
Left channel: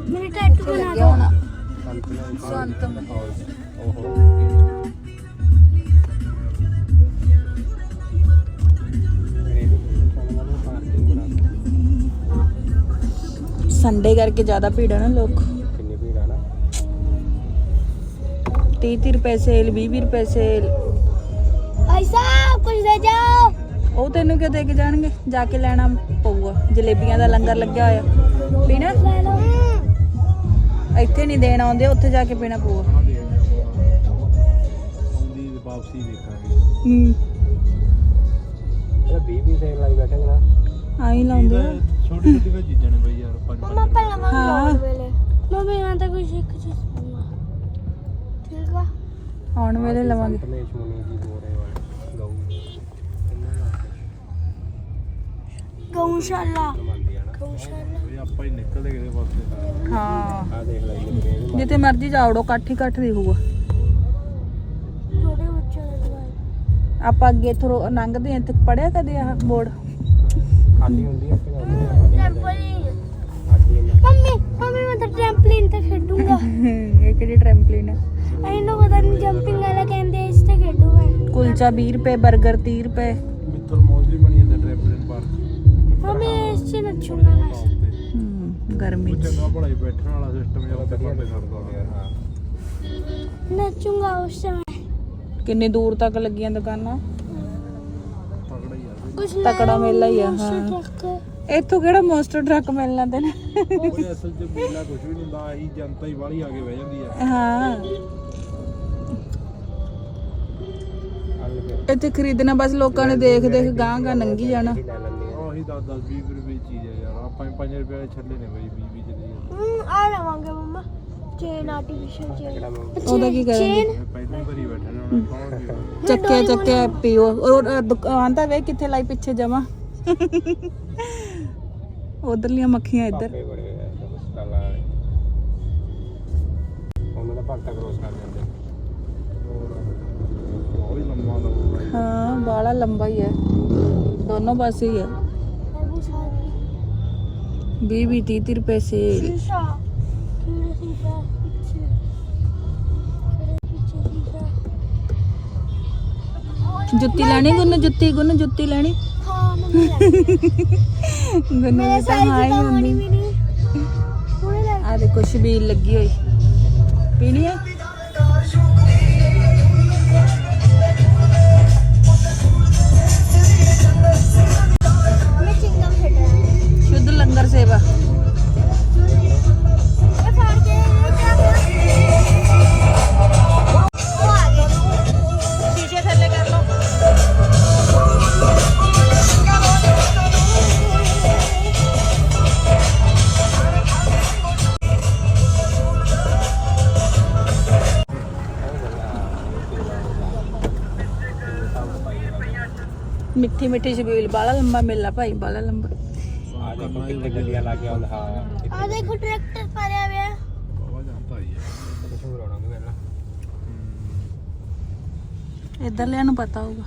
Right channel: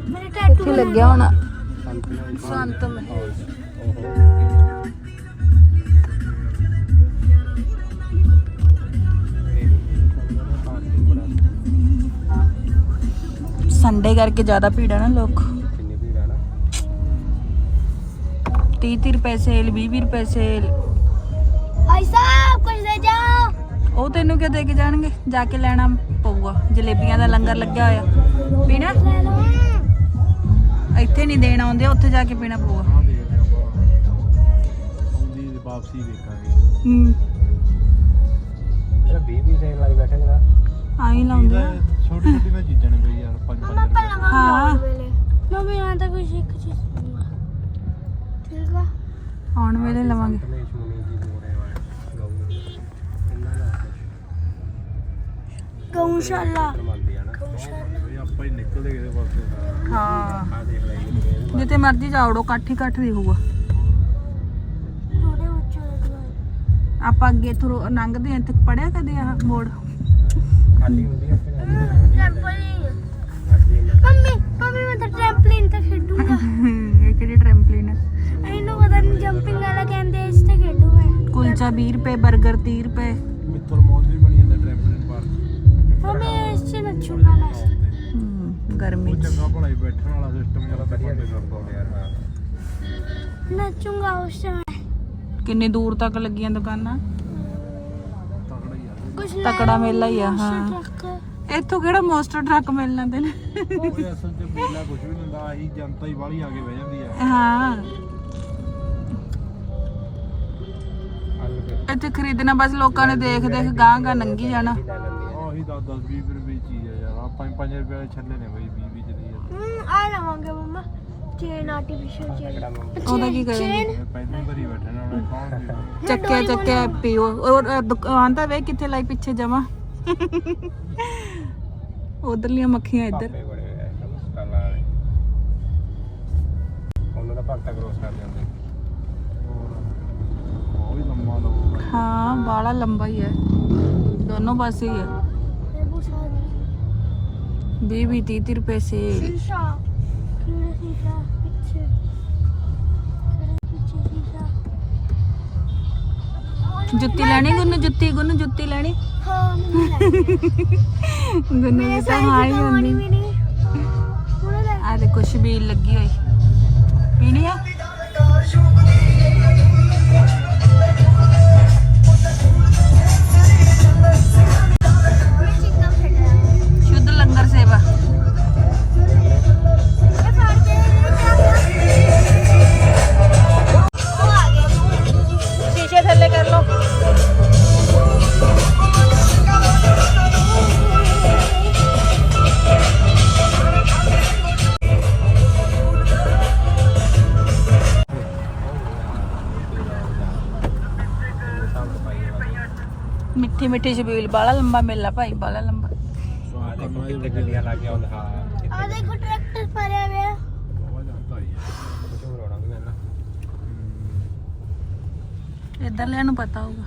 Speaker 2: ਮੇਰੇ ਟੈਟੂ ਬਣਾ
Speaker 3: ਲੱਗਿਆ ਹੋਣਾ। ਸੰਤਮ ਸੰਡੇ ਕਰਕੇ ਜ਼ਿਆਦਾ ਭੀੜ ਹੈ ਨਾ ਲੋਕ।
Speaker 1: ਕਿੰਨੀ ਭੀੜ ਹੈ ਨਾ।
Speaker 3: 30 30 ਰੁਪਏ ਸੇਲ 20 20 ਰੁਪਏ ਸੇਲ
Speaker 2: ਭਾਈ ਸਾਹਿਬ ਕੁਝ ਦੇ ਜਾਓ।
Speaker 3: ਉਹ ਤੈਨੂੰ ਕਿਉਂ ਦੇ ਕੇ ਜਾਣਗੇ? ਜਾ ਕੇ ਲੈਣਾ ਪਊਗਾ। ਜਲੇਬੀਆਂ ਦਾ ਲੰਗਰ ਲੱਗਿਆ ਹੋਇਆ। ਪੀਣਾ?
Speaker 2: ਲੈ ਲਓ।
Speaker 3: ਇੱਥੇ ਨਹੀਂ ਦੇਣ ਆਉਂਦੇ ਉੱਥੇ ਜਾ ਕੇ ਪੀਣਾ ਪਊਗਾ।
Speaker 7: ਆਹ ਦੇਖਦੇ ਆਪਾਂ। ਉਹਦੀ ਵਾਪਸੀ ਦੇਖਾਂਗੇ।
Speaker 3: ਹੂੰ।
Speaker 1: ਇਹ 20 20 ਦੇ ਲਾਈ ਬੈਠੇ ਨਾ
Speaker 3: ਆਈ ਲਾਉਂਦੇ ਆ।
Speaker 7: ਛੋਟੀ ਛੋਟੀ ਵੀ ਚੀਜ਼ਾਂ ਨੇ ਬਈ ਯਾਰ ਪੰਜ
Speaker 2: ਮਮਾ ਪਹਿਲਾਂ ਮੈਂ
Speaker 3: ਹਾਂ।
Speaker 2: ਲੋੜ ਵੇਲੇ। ਮਮੀ ਆਂ ਤਾਂ ਕੁਝ ਇੱਕ ਚੀਜ਼ ਮੰਮਾ। ਠੀਕ ਆ?
Speaker 3: ਆਉਣ ਵੇਲੇ ਲਵਾਂਗੇ।
Speaker 1: ਗਣੇਸ਼ ਮੁਨੀ ਜੀ ਬੋਰੇ ਵਾਲੇ ਦਾ
Speaker 2: ਗਊਸ਼ਾਲਾ। ਗਊਸ਼ਾਲਾ।
Speaker 7: ਆਪਾਂ ਹੀ ਨਿਕਲਦੇ ਕਿਤੇ ਪਾਸੇ
Speaker 3: ਹਾਂ।
Speaker 1: ਆ ਦੇਖ ਲਈ ਇਹ
Speaker 3: ਜਿੱਥੇ ਮਰਜ਼ੀ ਜਾਵੜੋ ਇਕੱਠ ਹੀ ਇਕੱਠ ਦਿਖੂਗਾ
Speaker 2: ਥੋੜੇ ਉੱਚੇ ਦੇ ਦੁਆਰ।
Speaker 3: ਆਪਾਂ ਅੱਗੇ ਇੱਥੋਂ ਲੰਘਦੇ ਆ ਇੱਥੇ ਪੜਿਆ ਕਦੇ ਆਹ ਬੋਰਡ?
Speaker 1: ਖਾਲੀ ਹੁੰਦੀ ਹੈ ਫਿਰ
Speaker 2: ਟ੍ਰੈਂਪੋਲਿਨ
Speaker 1: ਖਾਲੀ
Speaker 2: ਮੰਮੀ ਮੰਮੀ ਮੈਂ ਤਾਂ ਟ੍ਰੈਂਪੋਲਿਨ ਤੇ ਖੇਡੂੰਗਾ।
Speaker 3: ਇਹ ਕਿਹੜੀ ਟ੍ਰੈਂਪਲਿਨ ਹੈ
Speaker 2: ਇਹਨੂੰ ਪਤਾ ਨਹੀਂ ਜੰਪਿੰਗ ਵਾਲਾ ਕਹਿੰਦੇ ਇਸ ਤੇ ਖੇਡੂ ਮੈਂ।
Speaker 3: ਕੁਲਚਾ 20 ਰੁਪਏ 버ਗਰ 30 ਰੁਪਏ।
Speaker 7: ਮਿੱਤਰ ਮੌਜ ਵੀ ਬਣੀ ਜਾਂਦਾ ਟ੍ਰੈਪਲਿਨ ਪਾਰਕ
Speaker 2: ਮੰਮੀ ਇਸ ਚ ਨੱਚੂਗਾ ਮੈਂ।
Speaker 3: ਹੂੰ ਗਰਮੀ 'ਚ।
Speaker 7: ਚੰਗਾ ਭਲਾਈ ਬੈਠਣ ਵਾਲਾ ਸਿਸਟਮ ਜਿਹੜਾ
Speaker 1: ਵਧੀਆ
Speaker 7: ਬੰਦੇ ਕਰਦਾ
Speaker 1: ਹਾਂ
Speaker 2: ਨੱਚੂਗਾ ਉਸ ਸਮੇਂ।
Speaker 3: ਕਿੰਨੀ ਦੂਰ ਤੱਕ ਲੱਗੀਆਂ ਦੁਕਾਨਾਂ? ਤਕੜਾ ਮੇਲਾ ਹੀ ਆ, ਹਾਂ। ਇੱਥੋਂ ਕਿਹੜਾ ਮੋਸਟਰ ਟਰੱਕ ਮਿਲਣਾ ਤੈਨੂੰ
Speaker 7: ਉਹ ਅਸਲ ਚ ਮੇਲਾ ਕੁਝ ਵੀ ਨਹੀਂ ਹੁੰਦਾ ਆਹੀ ਜਨਤਾ ਹੀ ਵਾਲੀ ਆ ਕੇ ਬਹਿ ਜਾਂਦੀ ਆ।
Speaker 3: ਹਾਂ। ਇੱਥੇ ਖਰੀਦਣਾ ਬਸ ਲੋਕਾਂ ਨੇ ਦੇਖ ਦੇਖ ਗਾਂ ਗਾਂ ਨੰਗੀ ਜਾਣਾ।
Speaker 1: ਲੈ ਲੈਂਦੀ ਆ
Speaker 7: ਉਹੀ 10 10 20 ਰੁਪਏ ਦੀ ਚੀਜ਼ ਆ ਯਾਰ ਆ 5 5 ਰੁਪਏ ਦੇ ਛੱਲੇ ਨੇ ਬਈ 20 20 ਚਲੀ ਜਾਂਦੇ
Speaker 2: ਹੂੰ ਆ ਲਵਾਂਗੇ ਮੰਮਾ। ਚੇਨ ਆਰਟੀਫੀਸ਼ੀਅਲ ਚੇਨ
Speaker 3: ਉਹਦਾ ਕੀ ਕਰਾਂਗੇ?
Speaker 2: ਚੇਨ
Speaker 7: ਇਹ ਪਹਿਲਾਂ ਭਰੀ ਬੈਠੇ ਨੇ ਕੌਣ ਦੀ
Speaker 3: ਚੱਕਿਆ ਚੱਕਿਆ ਪੀਓ। ਔਰ ਦੁਕਾਨ ਤਾਂ ਵੇ ਕਿੱਥੇ ਲਾਈ ਪਿੱਛੇ ਜਮਾ? ਉਧਰਲੀਆਂ ਮੱਖੀਆਂ ਇੱਧਰ।
Speaker 1: ਆਪੇ ਬੜੇ ਸਾਲਾਂ ਵਾਲੇ ਉਹਨਾਂ ਦਾ ਭਗਤਾ ਕ੍ਰੋਸ ਕਰ ਜਾਂਦੇ
Speaker 7: ਉਹ ਹੀ
Speaker 3: ਬਾਲਾ ਲੰਬਾ ਹੀ ਹੈ। ਦੋਨੋਂ ਪਾਸੇ ਹੀ ਹੈ। 20 20 30 ਰੁਪਏ ਸੇਲ
Speaker 2: ਸ਼ੀਸ਼ਾ। ਕਿਹੜਾ ਸ਼ੀਸ਼ਾ ਪਿੱਛੇ। ਪਿੱਛੇ ਸ਼ੀਸ਼ਾ
Speaker 3: ਜੁੱਤੀ ਲੈਣੀ ਗੁੰਨ ਜੁੱਤੀ? ਗੁੰਨ ਜੁੱਤੀ ਲੈਣੀ?
Speaker 2: ਹਾਂ ਮੰਮੀ ਲੈ
Speaker 3: ਗੁੰਨ
Speaker 2: ਮੇਰੇ
Speaker 3: ਤਾਂ ਹੁੰਦੀ। ਆ ਦੇਖੋ ਲੱਗੀ ਹੋਈ। ਪੀਣੀ ਆ? ਲੰਬਾ ਮੇਲਾ ਭਾਈ ਬਾਲਾ ਲੰਬਾ।
Speaker 1: ਆ ਦੇਖੋ
Speaker 2: ਟਰੈਕਟਰ ਹੋਇਆ।
Speaker 3: ਇੱਧਰ ਨੂੰ ਪਤਾ ਹੋਊਗਾ।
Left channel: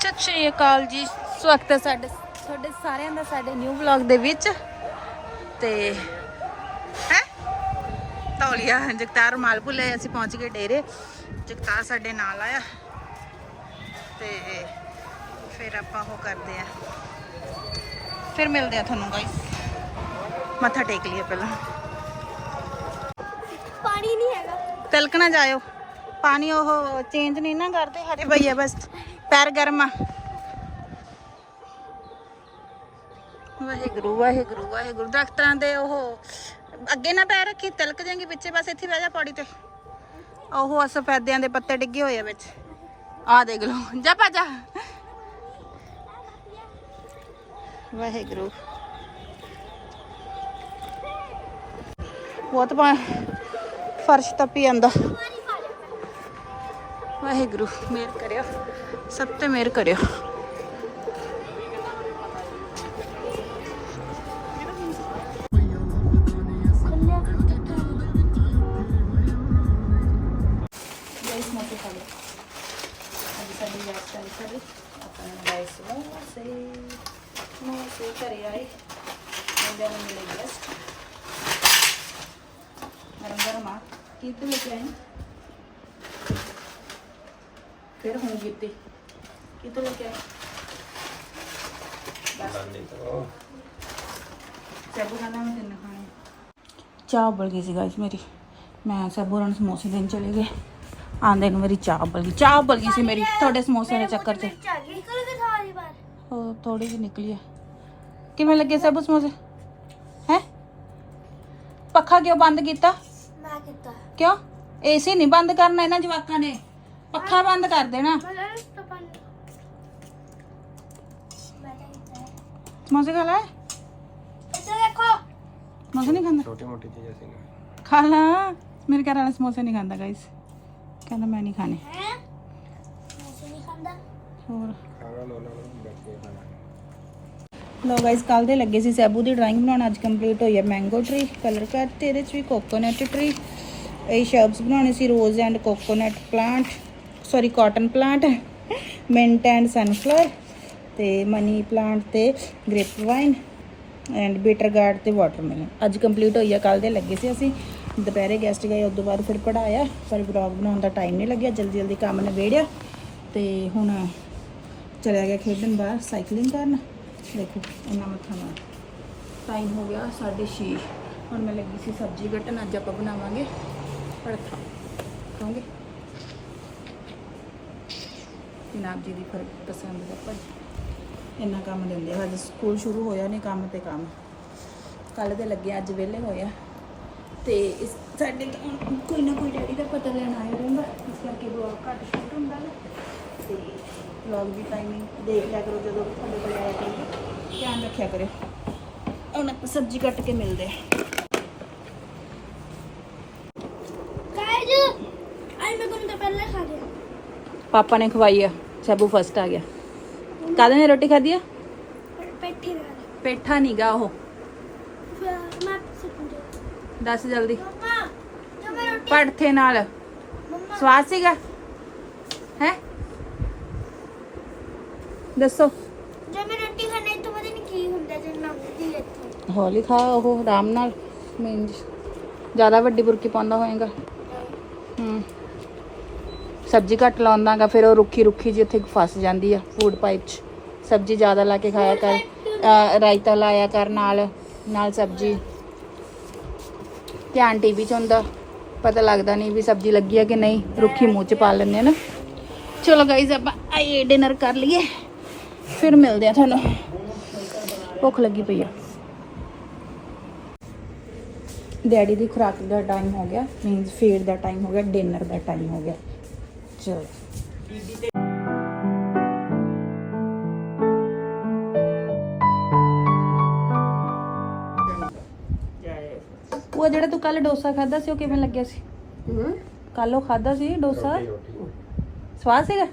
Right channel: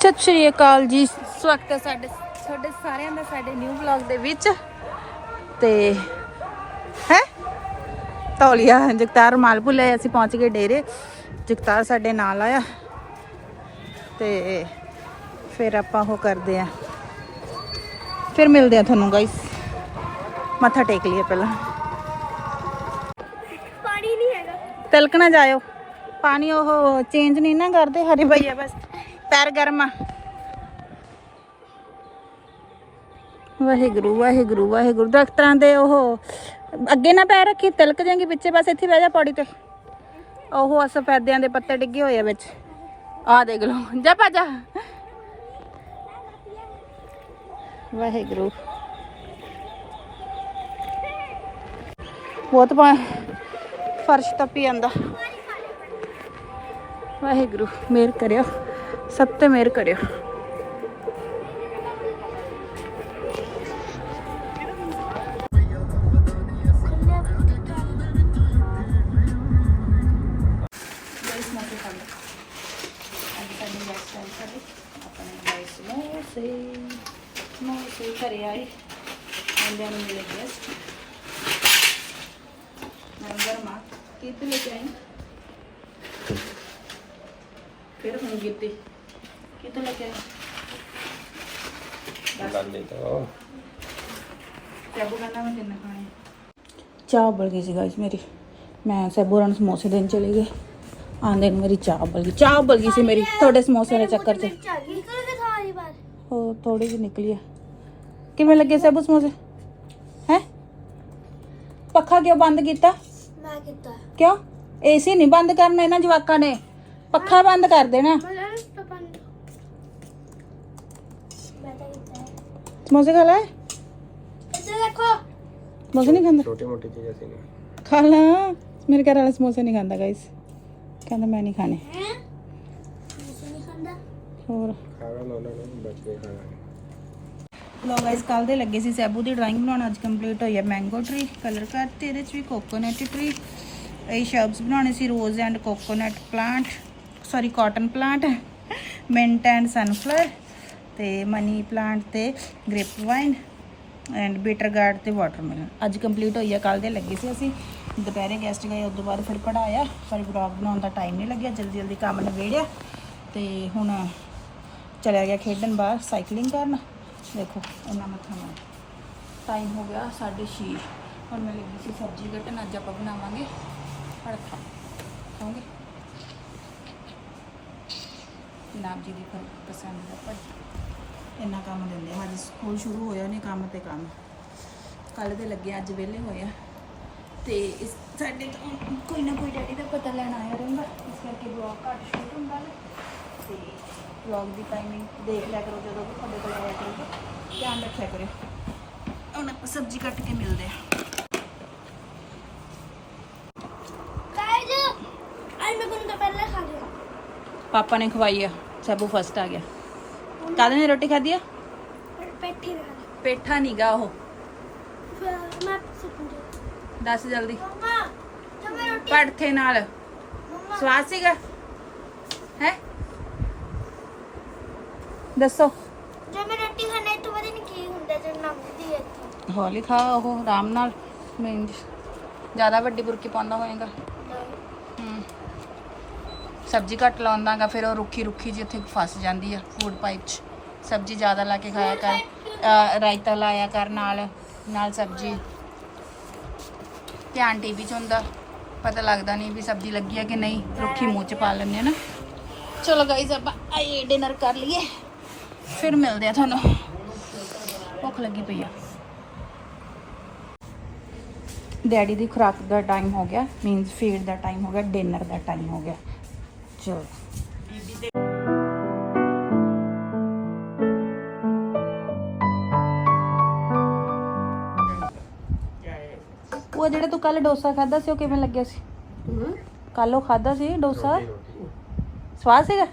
Speaker 3: ਸਤਿ ਸ਼੍ਰੀ ਅਕਾਲ ਜੀ। ਸਵਾਗਤ ਹੈ ਸਾਡੇ ਤੁਹਾਡੇ ਸਾਰਿਆਂ ਦਾ ਸਾਡੇ ਨਿਊ ਵਲੌਗ ਦੇ ਵਿੱਚ। ਤੇ ਹੈ? ਤੌਲੀਆ ਜਗਤਾਰ ਮਾਲ ਭੁੱਲੇ ਅਸੀਂ ਪਹੁੰਚ ਗਏ ਡੇਰੇ। ਜਗਤਾਰ ਸਾਡੇ ਨਾਲ ਆਇਆ। ਤੇ ਫਿਰ ਆਪਾਂ ਉਹ ਕਰਦੇ ਆ ਫਿਰ ਮਿਲਦੇ ਆ ਤੁਹਾਨੂੰ ਗਾਇਸ ਮੱਥਾ ਟੇਕ ਲਈਏ ਪਹਿਲਾਂ।
Speaker 2: ਪਾਣੀ ਨਹੀਂ ਹੈਗਾ।
Speaker 3: ਤਿਲਕ ਨਾ ਜਾਇਓ। ਪਾਣੀ ਉਹ ਚੇਂਜ ਨਹੀਂ ਨਾ ਕਰਦੇ ਹਰੇ ਭਈਆ ਬਸ। ਪੈਰ ਗਰਮ ਆ। ਵਾਹਿਗੁਰੂ ਵਾਹਿਗੁਰੂ ਵਾਹਿਗੁਰੂ। ਦਰਖਤਾਂ ਦੇ ਉਹ ਅੱਗੇ ਨਾ ਪੈਰ ਰੱਖੀ, ਤਿਲਕ ਜਾਏਗੀ ਪਿੱਛੇ, ਬਸ ਇੱਥੇ ਬਹਿ ਜਾ ਪੌੜੀ ਤੇ। ਉਹ ਸਫੈਦਿਆਂ ਦੇ ਪੱਤੇ ਡਿੱਗੇ ਹੋਏ ਆ ਵਿੱਚ। ਆ ਦੇਖ ਲਓ, ਜਾ ਭਾ ਜਾ ਵਾਹਿਗੁਰੂ। ਬਹੁਤ ਪਾ ਫਰਸ਼ ਤੱਪੀ ਜਾਂਦਾ। ਵਾਹਿਗੁਰੂ ਮੇਰ ਕਰਿਓ। ਸਭ ਤੇ ਮੇਰ ਕਰਿਓ। ਸੈਬੂ ਨਾਲ ਮੈਂ ਕਿੰਨਾ ਖਾਣੇ ਚਾਹ ਉਬਲ ਗਈ ਸੀ ਗਾਇਸ ਮੇਰੀ ਮੈਂ ਸੈਬੂ ਰਨ ਸਮੋਸੇ ਦੇਣ ਚਲੇ ਗਏ ਆਂਦੇ ਨੂੰ ਮੇਰੀ ਚਾਹ ਉਬਲ ਗਈ ਚਾਹ ਉਬਲ ਗਈ ਸੀ ਮੇਰੀ ਤੁਹਾਡੇ ਸਮੋਸੇ ਦੇ ਚੱਕਰ 'ਚ
Speaker 2: ਮਿਰਚ ਆ ਗਈ ਕਰ ਦੇ ਸਾਰੀ ਬਾਰ
Speaker 3: ਉਹ ਥੋੜੀ ਜਿਹੀ ਨਿਕਲੀ ਆ ਕਿਵੇਂ ਲੱਗੇ ਸੈਬੂ ਸਮੋਸੇ ਹੈ ਪੱਖਾ ਕਿਉਂ ਬੰਦ ਕੀਤਾ
Speaker 2: ਮੈਂ ਕੀਤਾ
Speaker 3: ਕਿਉਂ ਏਸੀ ਨਹੀਂ ਬੰਦ ਕਰਨਾ ਇਹਨਾਂ ਜਵਾਕਾਂ ਨੇ ਪੱਖਾ ਬੰਦ ਕਰ ਦੇਣਾ
Speaker 2: ਮੈਂ ਲੈਣ ਤੋਂ ਬੰਦ ਮੈਂ ਤਾਂ ਕੀਤਾ
Speaker 3: ਸਮੋਸੇ ਖਾ ਲੈ
Speaker 2: ਇੱਧਰ ਦੇਖੋ
Speaker 3: ਸਮੋਸੇ ਨਹੀਂ ਖਾਂਦਾ?
Speaker 1: ਛੋਟੀ ਮੋਟੀ ਚੀਜ਼ਾਂ ਸੀ ਨਾ।
Speaker 3: ਖਾ ਲਾ। ਮੇਰੇ ਘਰ ਵਾਲਾ ਸਮੋਸੇ ਨਹੀਂ ਖਾਂਦਾ ਗਾਇਸ ਕਹਿੰਦਾ ਮੈਂ ਨਹੀਂ ਖਾਣੇ।
Speaker 2: ਹੈ? ਮੈਂ ਨਹੀਂ ਖਾਂਦਾ?
Speaker 3: ਹੋਰ।
Speaker 1: ਖਾਣਾ ਨਾ ਉਹਨਾਂ ਨੂੰ ਬੈਠ ਕੇ ਖਾਣਾ।
Speaker 3: ਲੋ ਗਾਇਸ ਕੱਲ ਦੇ ਲੱਗੇ ਸੀ ਸੈਬੂ ਦੀ ਡਰਾਇੰਗ ਬਣਾਉਣ। ਅੱਜ ਕੰਪਲੀਟ ਹੋਈ ਹੈ ਮੈਂਗੋ ਟਰੀ ਕਲਰ ਕਰਤੇ ਇਹਦੇ ਚ ਵੀ ਕੋਕੋਨਟ ਟਰੀ ਇਹ ਸ਼ਬਸ ਬਣਾਉਣੇ ਸੀ rose and coconut plant sorry cotton plant mint and sunflower ਤੇ ਮਨੀ ਪਲਾਂਟ ਤੇ grape vine and bitter gourd ਤੇ ਵਾਟਰਮੈਲਨ ਅੱਜ ਕੰਪਲੀਟ ਹੋਈ ਆ ਕੱਲ ਦੇ ਲੱਗੇ ਸੀ ਅਸੀਂ। ਦੁਪਹਿਰੇ ਗੈਸਟ ਗਏ ਉਸ ਤੋਂ ਬਾਅਦ ਫਿਰ ਪੜਾਇਆ ਪਰ ਵਲੌਗ ਬਣਾਉਣ ਦਾ ਟਾਈਮ ਨਹੀਂ ਲੱਗਿਆ, ਜਲਦੀ ਜਲਦੀ ਕੰਮ ਨੇ ਨਿਬੇੜਿਆ। ਤੇ ਹੁਣ ਚਲਿਆ ਗਿਆ ਖੇਡਣ ਬਾਹਰ ਸਾਈਕਲਿੰਗ ਕਰਨ। ਦੇਖੋ, ਇੰਨਾ ਮੱਥਾ ਮਾਰ। ਟਾਈਮ ਹੋ ਗਿਆ 6:30 ਹੁਣ ਮੈਂ ਲੱਗੀ ਸੀ ਸਬਜ਼ੀ ਕੱਟਣ, ਅੱਜ ਆਪਾਂ ਬਣਾਵਾਂਗੇ ਪੜਥਾ ਖਾਓਗੇ? ਜਨਾਬ ਜੀ ਦੀ ਫਿਰ ਪਸੰਦ ਦਾ ਪਰ ਇੰਨਾ ਕੰਮ ਦਿੰਦੇ ਆ। ਹਜੇ ਸਕੂਲ ਸ਼ੁਰੂ ਹੋਇਆ ਨਹੀਂ ਕੰਮ ਤੇ ਕੰਮ। ਕੱਲ ਦੇ ਲੱਗੇ ਅੱਜ ਵਿਹਲੇ ਹੋਏ ਆ। ਤੇ ਇਸ ਸਾਡੇ ਤੋਂ ਕੋਈ ਨਾ ਕੋਈ ਡੈਡੀ ਦਾ ਪਤਾ ਲੈਣ ਆਇਆ ਰਹਿੰਦਾ ਇਸ ਕਰਕੇ ਬਲੌਗ ਘੱਟ ਸ਼ੂਟ ਹੁੰਦਾ ਨਾ। ਤੇ ਬਲੌਗ ਦੀ ਟਾਈਮਿੰਗ ਦੇਖ ਲਿਆ ਕਰੋ ਜਦੋਂ ਤੁਹਾਡੇ ਕੋਲ ਆਇਆ ਕਰੀਏ ਧਿਆਨ ਰੱਖਿਆ ਕਰੋ। ਹੁਣ ਸਬਜ਼ੀ ਕੱਟ ਕੇ ਮਿਲਦੇ ਆ। ਪਾਪਾ ਨੇ ਖਵਾਈ ਆ। ਸਭੂ ਫਸਟ ਆ ਗਿਆ। ਕਾਹਦੇ ਨੇ ਰੋਟੀ ਖਾਧੀ ਆ?
Speaker 2: ਪੇਠੀ ਨਾਲ।
Speaker 3: ਪੇਠਾ ਨੀਗਾ ਉਹ। ਦੱਸ ਜਲਦੀ। ਪੜਥੇ ਨਾਲ।
Speaker 2: ਮੰਮਾ।
Speaker 3: ਸਵਾਦ ਸੀਗਾ? ਹੈ? ਦੱਸੋ।
Speaker 2: ਜਦ ਮੈਂ ਰੋਟੀ ਖਾਣਾ ਤੋਂ ਪਤਾ ਨਹੀਂ ਕੀ ਹੁੰਦਾ ਜਦ ਲੰਘਦੀ ਹੈ ਇੱਥੋਂ?
Speaker 3: ਹੌਲੀ ਖਾ ਉਹ ਆਰਾਮ ਨਾਲ। ਮੈਂ ਜ਼ਿਆਦਾ ਵੱਡੀ ਬੁਰਕੀ ਪਾਉਂਦਾ ਹੋਏਗਾ। ਸਬਜ਼ੀ ਘੱਟ ਲਾਉਂਦਾਗਾ ਫਿਰ ਉਹ ਰੁੱਖੀ ਰੁੱਖੀ ਜੀ ਇੱਥੇ ਫਸ ਜਾਂਦੀ ਆ ਫੂਡ ਪਾਈਪ 'ਚ। ਸਬਜ਼ੀ ਜ਼ਿਆਦਾ ਲਾ ਕੇ ਖਾਇਆ ਕਰ ਅਹ ਰਾਇਤਾ ਲਾਇਆ ਕਰ ਨਾਲ ਨਾਲ ਸਬਜ਼ੀ ਧਿਆਨ ਟੀਵੀ 'ਚ ਹੁੰਦਾ ਪਤਾ ਲੱਗਦਾ ਨਹੀਂ ਵੀ ਸਬਜ਼ੀ ਲੱਗੀ ਆ ਕਿ ਨਹੀਂ ਰੁੱਖੀ ਮੂੰਹ 'ਚ ਪਾ ਲੈਂਦੇ ਆ ਨਾ ਚਲੋ ਗਾਈਜ਼ ਆਪਾਂ ਆਈਏ ਡਿਨਰ ਕਰ ਲਈਏ ਫਿਰ ਮਿਲਦੇ ਆ ਤੁਹਾਨੂੰ ਭੁੱਖ ਲੱਗੀ ਪਈ ਆ ਡੈਡੀ ਦੀ ਖੁਰਾਕ ਦਾ ਟਾਈਮ ਹੋ ਗਿਆ ਮੀਨਸ ਫੀਡ ਦਾ ਟਾਈਮ ਹੋ ਗਿਆ ਡਿਨਰ ਦਾ ਟਾਈਮ ਹੋ ਗਿਆ ਚਲੋ ਉਹ ਜਿਹੜਾ ਤੂੰ ਕੱਲ ਡੋਸਾ ਖਾਦਾ ਸੀ ਉਹ ਕਿਵੇਂ ਲੱਗਿਆ ਸੀ? ਕੱਲ ਉਹ ਖਾਦਾ ਸੀ ਡੋਸਾ? ਸਵਾਦ ਸੀਗਾ?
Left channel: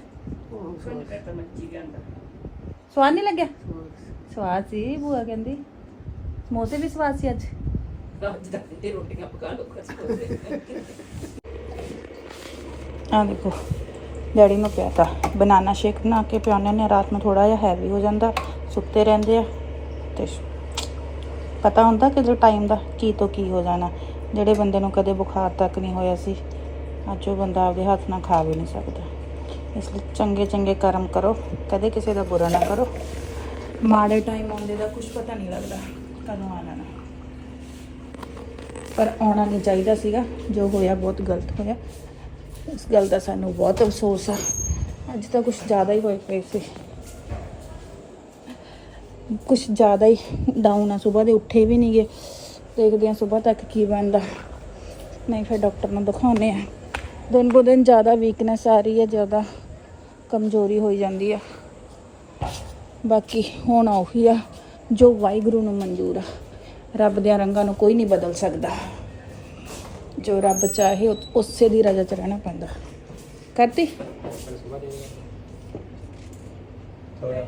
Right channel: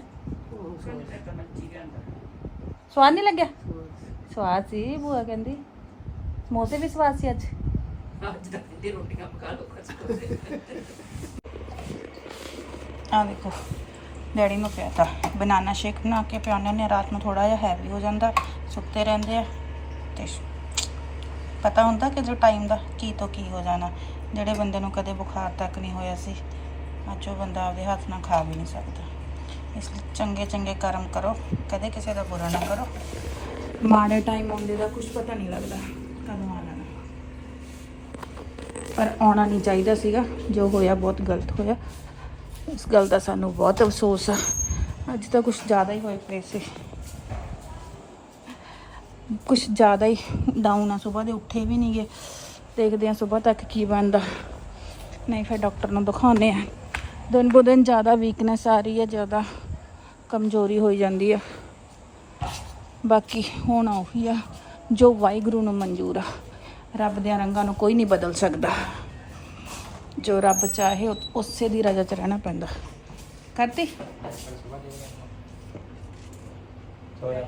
Speaker 3: ਸਵਾਦ ਨਹੀਂ ਲੱਗਿਆ? ਸਵਾਦ ਸੀ। ਭੂਆ ਕਹਿੰਦੀ। ਸਮੋਸੇ ਵੀ ਸਵਾਦ ਸੀ ਅੱਜ? ਆ ਦੇਖੋ ਡੈਡੀ ਨੂੰ ਪਿਆ ਤਾ ਬਨਾਨਾ ਸ਼ੇਕ ਬਣਾ ਕੇ ਪਿਆਉਂਦੇ ਨੇ ਰਾਤ ਨੂੰ ਥੋੜਾ ਜਿਹਾ ਹੈਵੀ ਹੋ ਜਾਂਦਾ ਸੁੱਤੇ ਰਹਿੰਦੇ ਆ ਤੇ ਪਤਾ ਹੁੰਦਾ ਕਿ ਜੋ ਟਾਈਮ ਦਾ ਕੀ ਤੋਂ ਕੀ ਹੋ ਜਾਣਾ। ਜਿਹੜੇ ਬੰਦੇ ਨੂੰ ਕਦੇ ਬੁਖਾਰ ਤੱਕ ਨਹੀਂ ਹੋਇਆ ਸੀ, ਅੱਜ ਉਹ ਬੰਦਾ ਆਪਦੇ ਹੱਥ ਨਾਲ ਖਾ ਵੀ ਨਹੀਂ ਸਕਦਾ। ਇਸ ਲਈ ਚੰਗੇ ਚੰਗੇ ਕਰਮ ਕਰੋ, ਕਦੇ ਕਿਸੇ ਦਾ ਬੁਰਾ ਨਾ ਕਰੋ। ਮਾੜੇ ਟਾਈਮ ਆਉਂਦੇ ਦਾ ਕੁਝ ਪਤਾ ਨਹੀਂ ਲੱਗਦਾ ਕਦੋਂ ਆ ਜਾਣਾ। ਪਰ ਆਉਣਾ ਨਹੀਂ ਚਾਹੀਦਾ ਸੀਗਾ, ਜੋ ਹੋਇਆ ਬਹੁਤ ਗਲਤ ਹੋਇਆ। ਇਸ ਗੱਲ ਦਾ ਸਾਨੂੰ ਬਹੁਤ ਅਫਸੋਸ ਹੈ ਅੱਜ ਤਾਂ ਕੁਝ ਜ਼ਿਆਦਾ ਹੀ ਹੋਏ ਪਏ ਸੀ। ਕੁਝ ਜ਼ਿਆਦਾ ਹੀ ਡਾਊਨ ਆ ਸਵੇਰ ਦੇ ਉੱਠੇ ਵੀ ਨਹੀਂ ਗਏ ਦੇਖਦੇ ਆ ਸਵੇਰ ਤੱਕ ਕੀ ਬਣਦਾ। ਨਹੀਂ ਫਿਰ ਡਾਕਟਰ ਨੂੰ ਦਿਖਾਉਣੇ ਆ। ਦਿਨ ਬੋ ਦਿਨ ਜ਼ਿਆਦਾ ਵੀਕਨੈਸ ਆ ਰਹੀ ਹੈ ਜ਼ਿਆਦਾ ਕਮਜ਼ੋਰੀ ਹੋਈ ਜਾਂਦੀ ਹੈ ਬਾਕੀ ਹੁਣ ਉਹੀ ਆ ਜੋ ਵਾਹਿਗੁਰੂ ਨੂੰ ਮਨਜ਼ੂਰ ਆ ਰੱਬ ਦੇ ਰੰਗਾਂ ਨੂੰ ਕੋਈ ਨਹੀਂ ਬਦਲ ਸਕਦਾ। ਜੋ ਰੱਬ ਚਾਹੇ ਉਸੇ ਦੀ ਰਜ਼ਾ ਚ ਰਹਿਣਾ ਪੈਂਦਾ। ਕਰਤੀ?
Speaker 1: ਸੋ। ਜਾ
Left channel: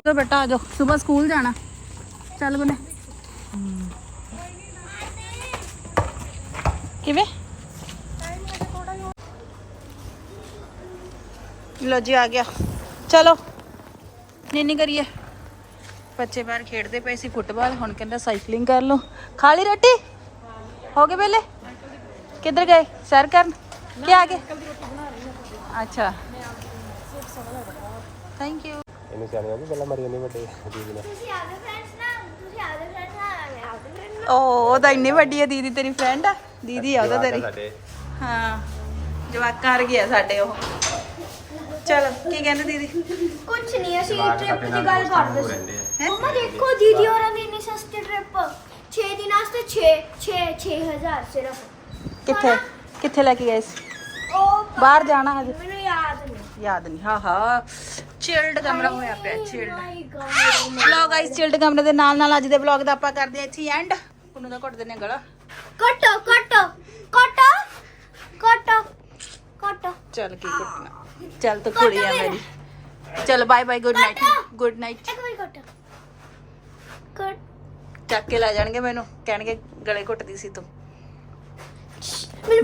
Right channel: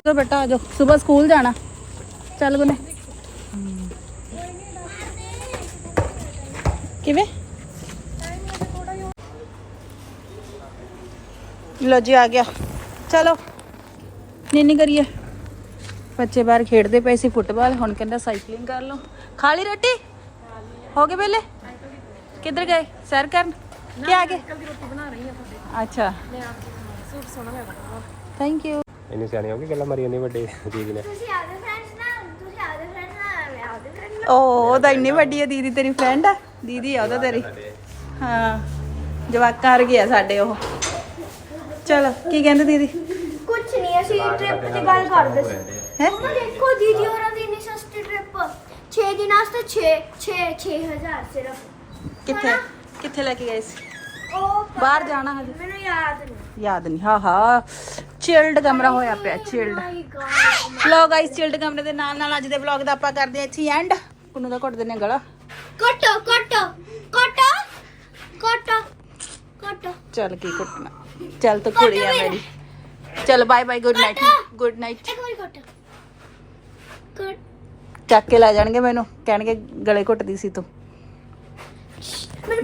Speaker 3: ਚਲੋ ਬੇਟਾ ਆ ਜਾਓ। ਸਵੇਰ ਸਕੂਲ ਜਾਣਾ। ਚੱਲ ਗੁਨੇ। ਕਿਵੇਂ? ਲੋ ਜੀ ਆ ਗਿਆ। ਚਲੋ। ਨੀਨੀ ਕਰੀਏ। ਬੱਚੇ ਬਾਹਰ ਖੇਡਦੇ ਪਏ ਸੀ ਫੁੱਟਬਾਲ। ਹੁਣ ਕਹਿੰਦਾ ਸਾਈਕਲਿੰਗ ਕਰ ਲਓ। ਖਾ ਲਈ ਰੋਟੀ? ਹੋ ਗਏ ਵੇਲੇ? ਕਿੱਧਰ ਗਏ? ਸੈਰ ਕਰਨ? ਕੀ ਆ ਗਏ? ਅੱਛਾ। ਥੈਂਕ ਯੂ
Speaker 1: ਇਹਨੇ ਸਿਆਣੇ ਹੋ ਗਏ ਗੱਲਾਂ ਮਾਰੀ ਜਾਂਦੇ ਵੱਡੇ ਦੀਦੀ ਨੇ।
Speaker 2: ਤੁਸੀਂ ਆਪਦੇ ਫਰੈਂਡਸ ਨਾਲ ਤੁਸੀਂ ਆਪਦੇ ਫਰੈਂਡਸ ਨਾਲ ਮੈਂ ਆਪਦੇ ਫਰੈਂਡ
Speaker 3: ਓ ਉਹਦਾ ਇੰਨੀ ਵੱਡੀ ਆ ਦੀਦੀ ਤੇਰੀ ਫਰੈਂਡ ਆ? ਦੀਦੀ ਆ ਉਹਦਾ ਤੇਰੀ। ਹਾਂ ਜਵਾਕਾਂ ਵਰਗੀ ਆ ਸਾਡੇ ਉਹ। ਚਲੋ ਕੀ ਕਹਿੰਦੇ ਦੀਦੀ?
Speaker 2: ਕੁਝ ਨਹੀਂ ਅਸੀਂ ਟ੍ਰਿਪ ਦੀ ਗੱਲ ਕਰਦੇ ਸੀ। ਮੰਮਾ ਦੇਖੋ ਦੀਦੀ ਹੋਰਾਂ ਦੀ ਇੰਨੀ ਸਸਤੀ ਟ੍ਰਿਪ 6 ਦਿਨਾਂ ਵਾਸਤੇ 6 6 6000 ਸਿਰਫ।
Speaker 3: ਕਿੱਥੇ ਕਿੱਥੇ ਲੈ ਕੇ ਗਏ ਸੀ?
Speaker 2: ਉਹ
Speaker 3: ਬਾਹਰ ਜਾਣਾ ਹਜੇ?
Speaker 2: ਮੈਨੂੰ ਯਾਦ ਨਹੀਂ।
Speaker 3: ਯਾਦ ਨਹੀਂ ਹਾਂ ਹਾਂ। ਚਿਲਡ ਕਮਰਾ ਹੋਇਆ ਪਿਆ ਚਿਲਡ ਵਲੌਗ ਆਈਸ ਚਿਲਡ ਕਮਰੇ ਦੇ ਨਾਲ ਨਾਲ ਅੱਜ ਦੇ ਵਲੌਗ ਦਾ ਆਪਾਂ ਕਰਦੇ ਹਾਂ ਇੱਥੇ ਐਂਡ ਕੁਨੂੰ ਦਾ ਘੁੱਟ ਦਿੰਨੇ ਗਲਾ।
Speaker 2: ਕੱਟੋ ਕੱਟੋ ਕੱਟੋ ਕੱਟੋ ਕੱਟੋ
Speaker 3: ਚੱਲ ਕੀ ਘੁੱਟਣਾ। ਚੱਲ ਤੂੰ ਕੁੜੀ ਆ ਮੇਰੀ। ਚਲ bye bye good night good night
Speaker 2: ਇੱਕ ਵਾਰੀ ਕੱਟੋ ਕੱਟ
Speaker 3: ਚੱਕ ਕੇ ਲੈ ਜਾਣਗੇ ਮੈਨੂੰ। ਕਹਿਣਗੇ ਗਲੇ ਘੁੱਟਦੀ ਸੀ ਤੂੰ।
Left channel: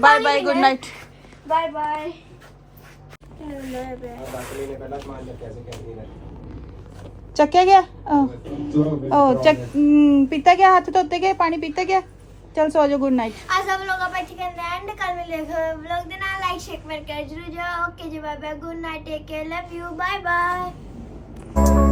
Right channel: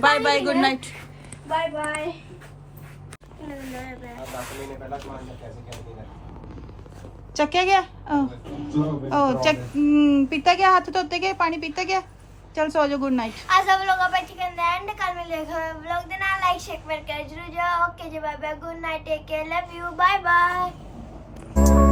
Speaker 3: Bye bye good night
Speaker 2: bye bye
Speaker 1: ਬਾਕੀ ਨੇ ਪਹਿਲਾਂ ਸਮਾਨ ਚੱਕਿਆ ਸੀ ਕੈਂਟੀਨ
Speaker 3: ਚੱਕਿਆ ਗਿਆ ਉਹ ਚੱਕ ਹਮ, ਪੀਤਾ ਗਿਆ ਹੱਥ ਧੋਤੇ ਗਏ ਪਾਣੀ ਪੀਤਾ ਗਿਆ ਚਲ ਸੋ ਜਾ ਗੁੱਡ ਨਾਈਟ
Speaker 2: ਅੱਜ ਦਾ ਵਲੋਗ ਆਪਾਂ ਇੱਥੇ ਕਰਦੇ ਐਂਡ ਕੱਲ ਮਿਲੇ ਵਲੋਗ ਦੇ ਨਾਲ ਲਾਈਕ ਸ਼ੇਅਰ ਕਰ ਜਰੂਰ ਜਾਓ ਓਕੇ ਜੀ bye bye good night take care love you bye bye